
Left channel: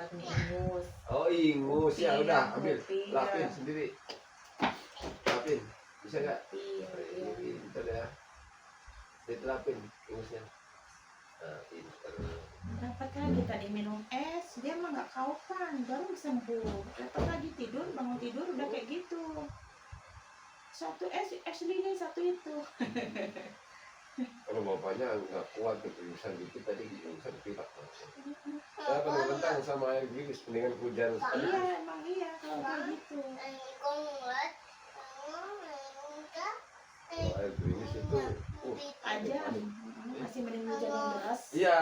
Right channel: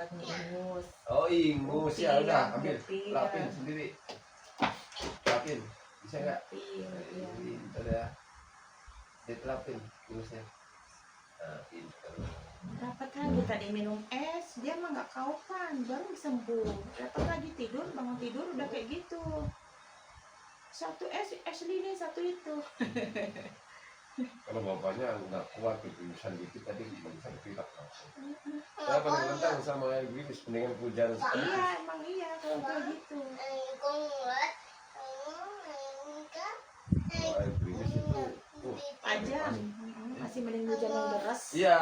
dapat nih ingus. Oh ingus ya Iya, udah ambil kopi, lapin ya. sendiri. Lapin bisa nggak? Iya, iya. Pinter ya. Dilapin ingusnya. Nah, pinter. Dapat lagi tadi minum es, dia mah nggak kaupan, baru sembuh. Dapat lagi tidur, bangun tidur udah kayak gitu. Satu es lilin, satu itu. Kalau bapaknya nggak kuat gitu, bisa dikit tadi bisa pilek. Saya akan menentang sama air gerimis, mendingan hujan sekali. Iya, emang iya kalau kayak gitu. Kalau air gerimis itu, Aja masih mending hujan yang deras. iya,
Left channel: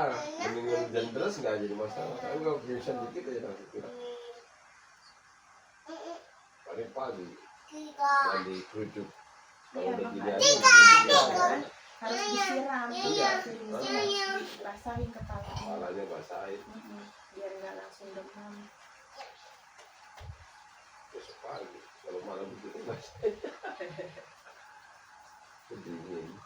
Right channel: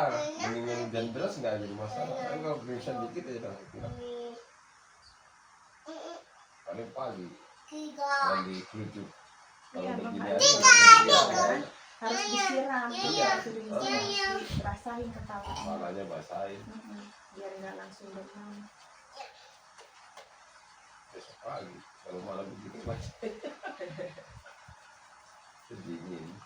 mendingan hujan deras nggak jadi masalah. Tapi kalau gerimis dikit aja langsung pilek. Paling pagi, mandi kerucut. Kalau Iya, udah gini makanya aja, kalau iya, kan harus disiram, Iya. gerimisnya harus dibasahin kepalanya. kepalanya basahin. Biar nggak langsung demam. Besok pagi, kalau malam begitu masih dingin.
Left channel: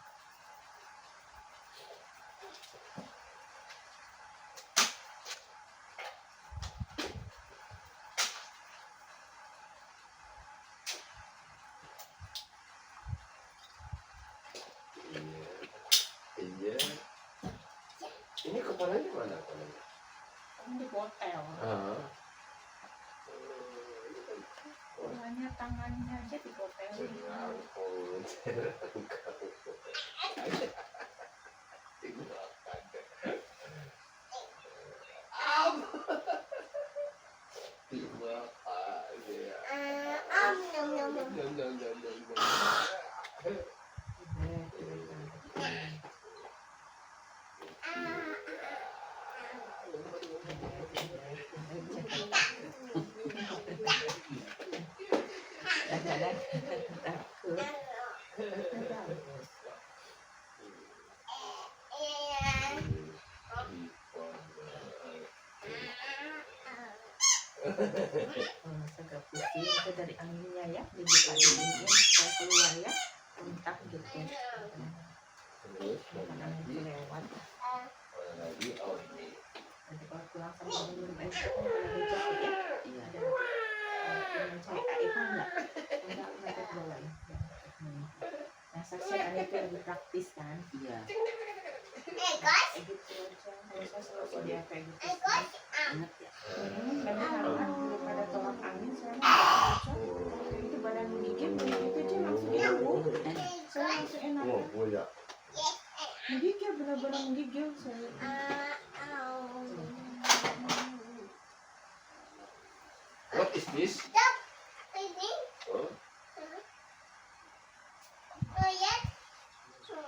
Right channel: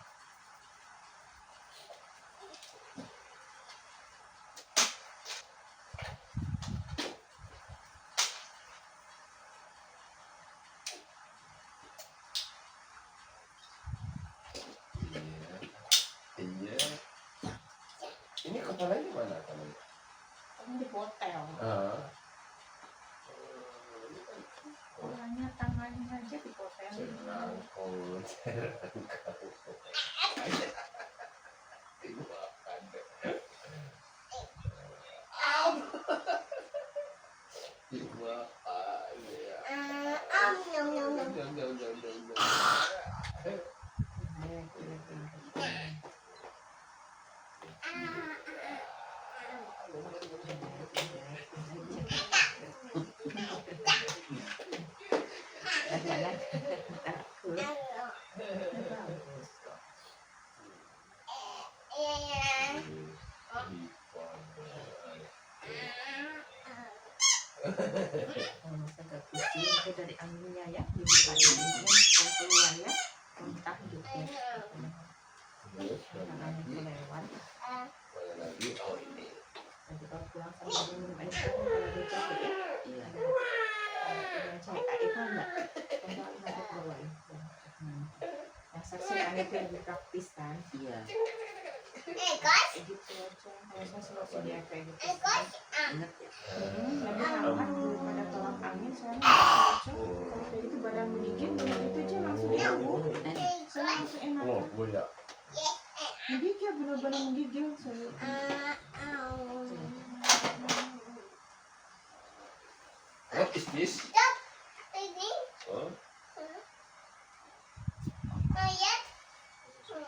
Iya. Ini kepalanya mana kepalanya? Kamu di hotel. Ah. Polanya tangannya aja di hotel. Serangkut, serangkut. Dimakan. Dimakan ya. Jom, jom, jom, jom, jom. Kadang-kadang takut. Kalau masa agak pusing itu dari anginnya ya, dibuka dulu supaya keluar ya, muntah gitu. Kadang itu lewat. Mana lagi? Oh ini. Nanti kalau pulang sambil minum air jahe, kalau ada jahe ya, Iya. ada dengan jahe itu enggak, enggak ada ke bawah ya. Yang saksikan itu lebih praktis kan. Iya. Kayak gitu aja. Kalau saya selalu sedia kayak gitu. Ingat ya. Lebih hangat daripada tolak angin. Saya mah cocok. Kalau kayak gitu badan menggigit, begitu aja langsung sembuh. Saya langsung enak. Oh, boleh. Menggigil, benar-benar menggigil saya. What is this? Oh,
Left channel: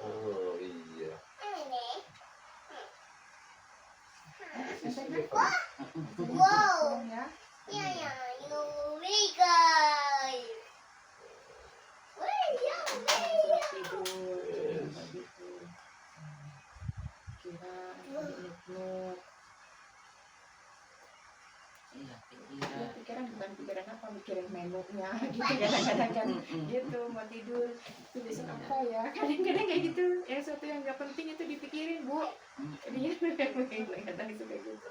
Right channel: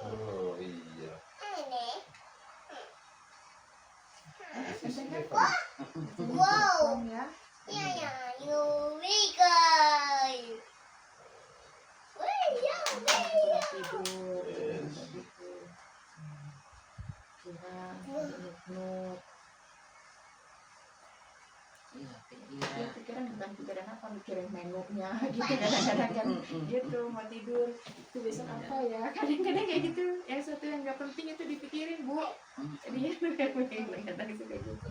oh iya. This is different. Wow. Ya. Kurang tidur. Yes. Gitu. Kira nuk-nuk. Iya, Ya, pikiran. pikiran bukan pikiran apa, mikirin menunya gitu kadang-kadang kan gitu mau tidur itu besok apa ya, kadang-kadang kayak gitu, yang satu yang nggak penting itu dipikirin bu, dia kadang suka gitu,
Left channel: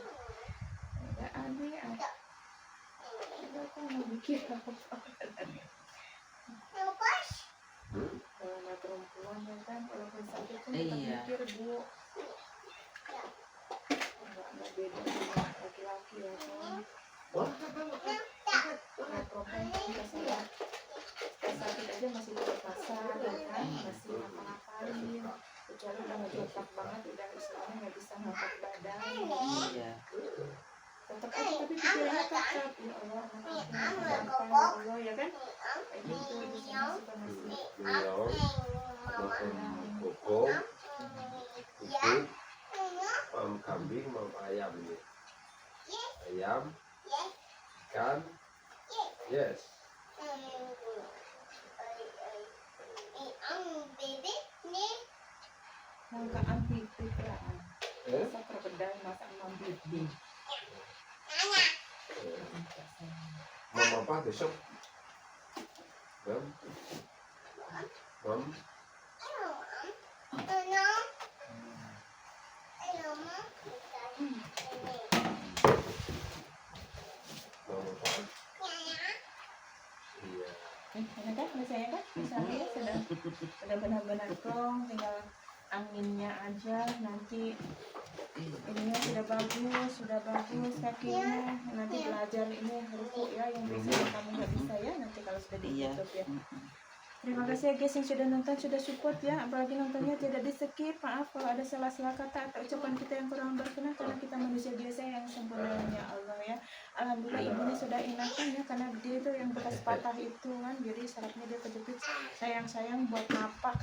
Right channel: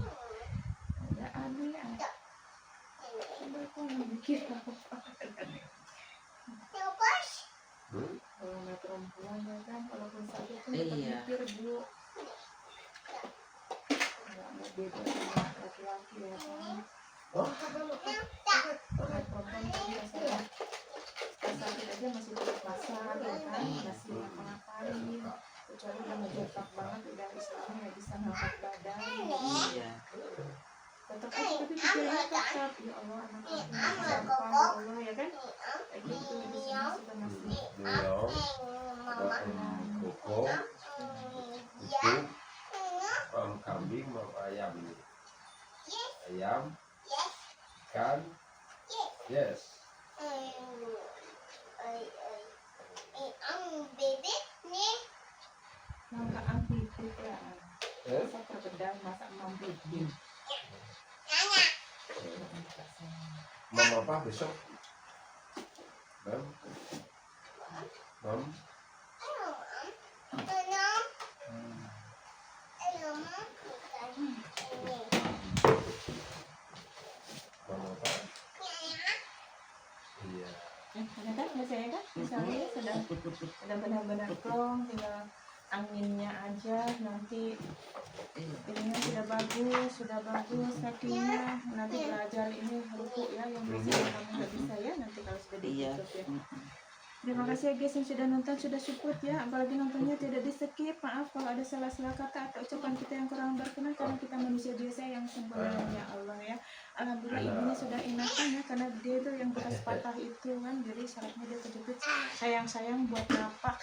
nggak aneh ah, udah aku mau mikir apa kalau nggak perempuan ya kan, walaupun sakit pun tetap Iya. mikir bu, nggak beda sama laki-laki ya kan. Kalau perempuan kan biasanya sakit aja masih tetap masak ya kan, masih ngapa-ngapain, kecuali udah ngejebak banget, udah istilahnya nggak bisa ngangkat badan, Iya. tetap aja tapi pikirannya tetap ya Allah anak aku masih gampang ya Allah ya kan, kayak gitu di sini suka masih Minum, ada koko, kuku, mam kambing, mam ayam ini. Ayam, ikan, yes. nangka ambibi ya, masak krokodil, masak ambibi. Mam apa besok? Mam, mam, Sudah benar-benar plong, tinggal anginnya aja nanti. Iya. Ininya sudah bagus kakinya. Nanti belajar ini ruku ya yang biasanya kamu nggak bisa ya nanti kalau sudah di Iya. YouTube ya. Terima kasih ya guys yang sudah nonton, sudah support ya. Apalagi nontonnya tidak di skip. Maaf kalau ada salah-salah kata atau ucapan kita yang kurang berkenan karena kita manusia biasa yang sempurnanya Allah ya. Alhamdulillah ibunya sudah enakan ya karena dia itu yang bekas patah itu kan, jadi syaratnya dia kejepit sayang-sayang buat napak.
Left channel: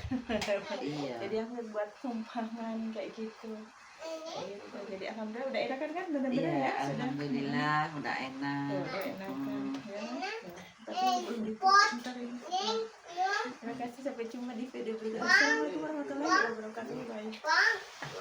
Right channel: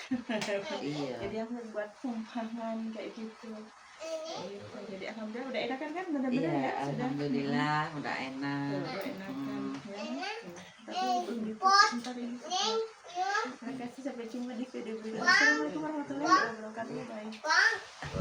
Iya. Jadi yang buat tumpangan kayak gitu. Gitu. Jadi alhamdulillah udah enakan kan benar-benar Iya, ya sudah. alhamdulillah udah Tuh, enak. udah enakan Hmm. ya. Tuh. Tapi belum ntar ini. Terima kasih, sampai jumpa di video berikutnya. Assalamualaikum warahmatullahi wabarakatuh. Bye.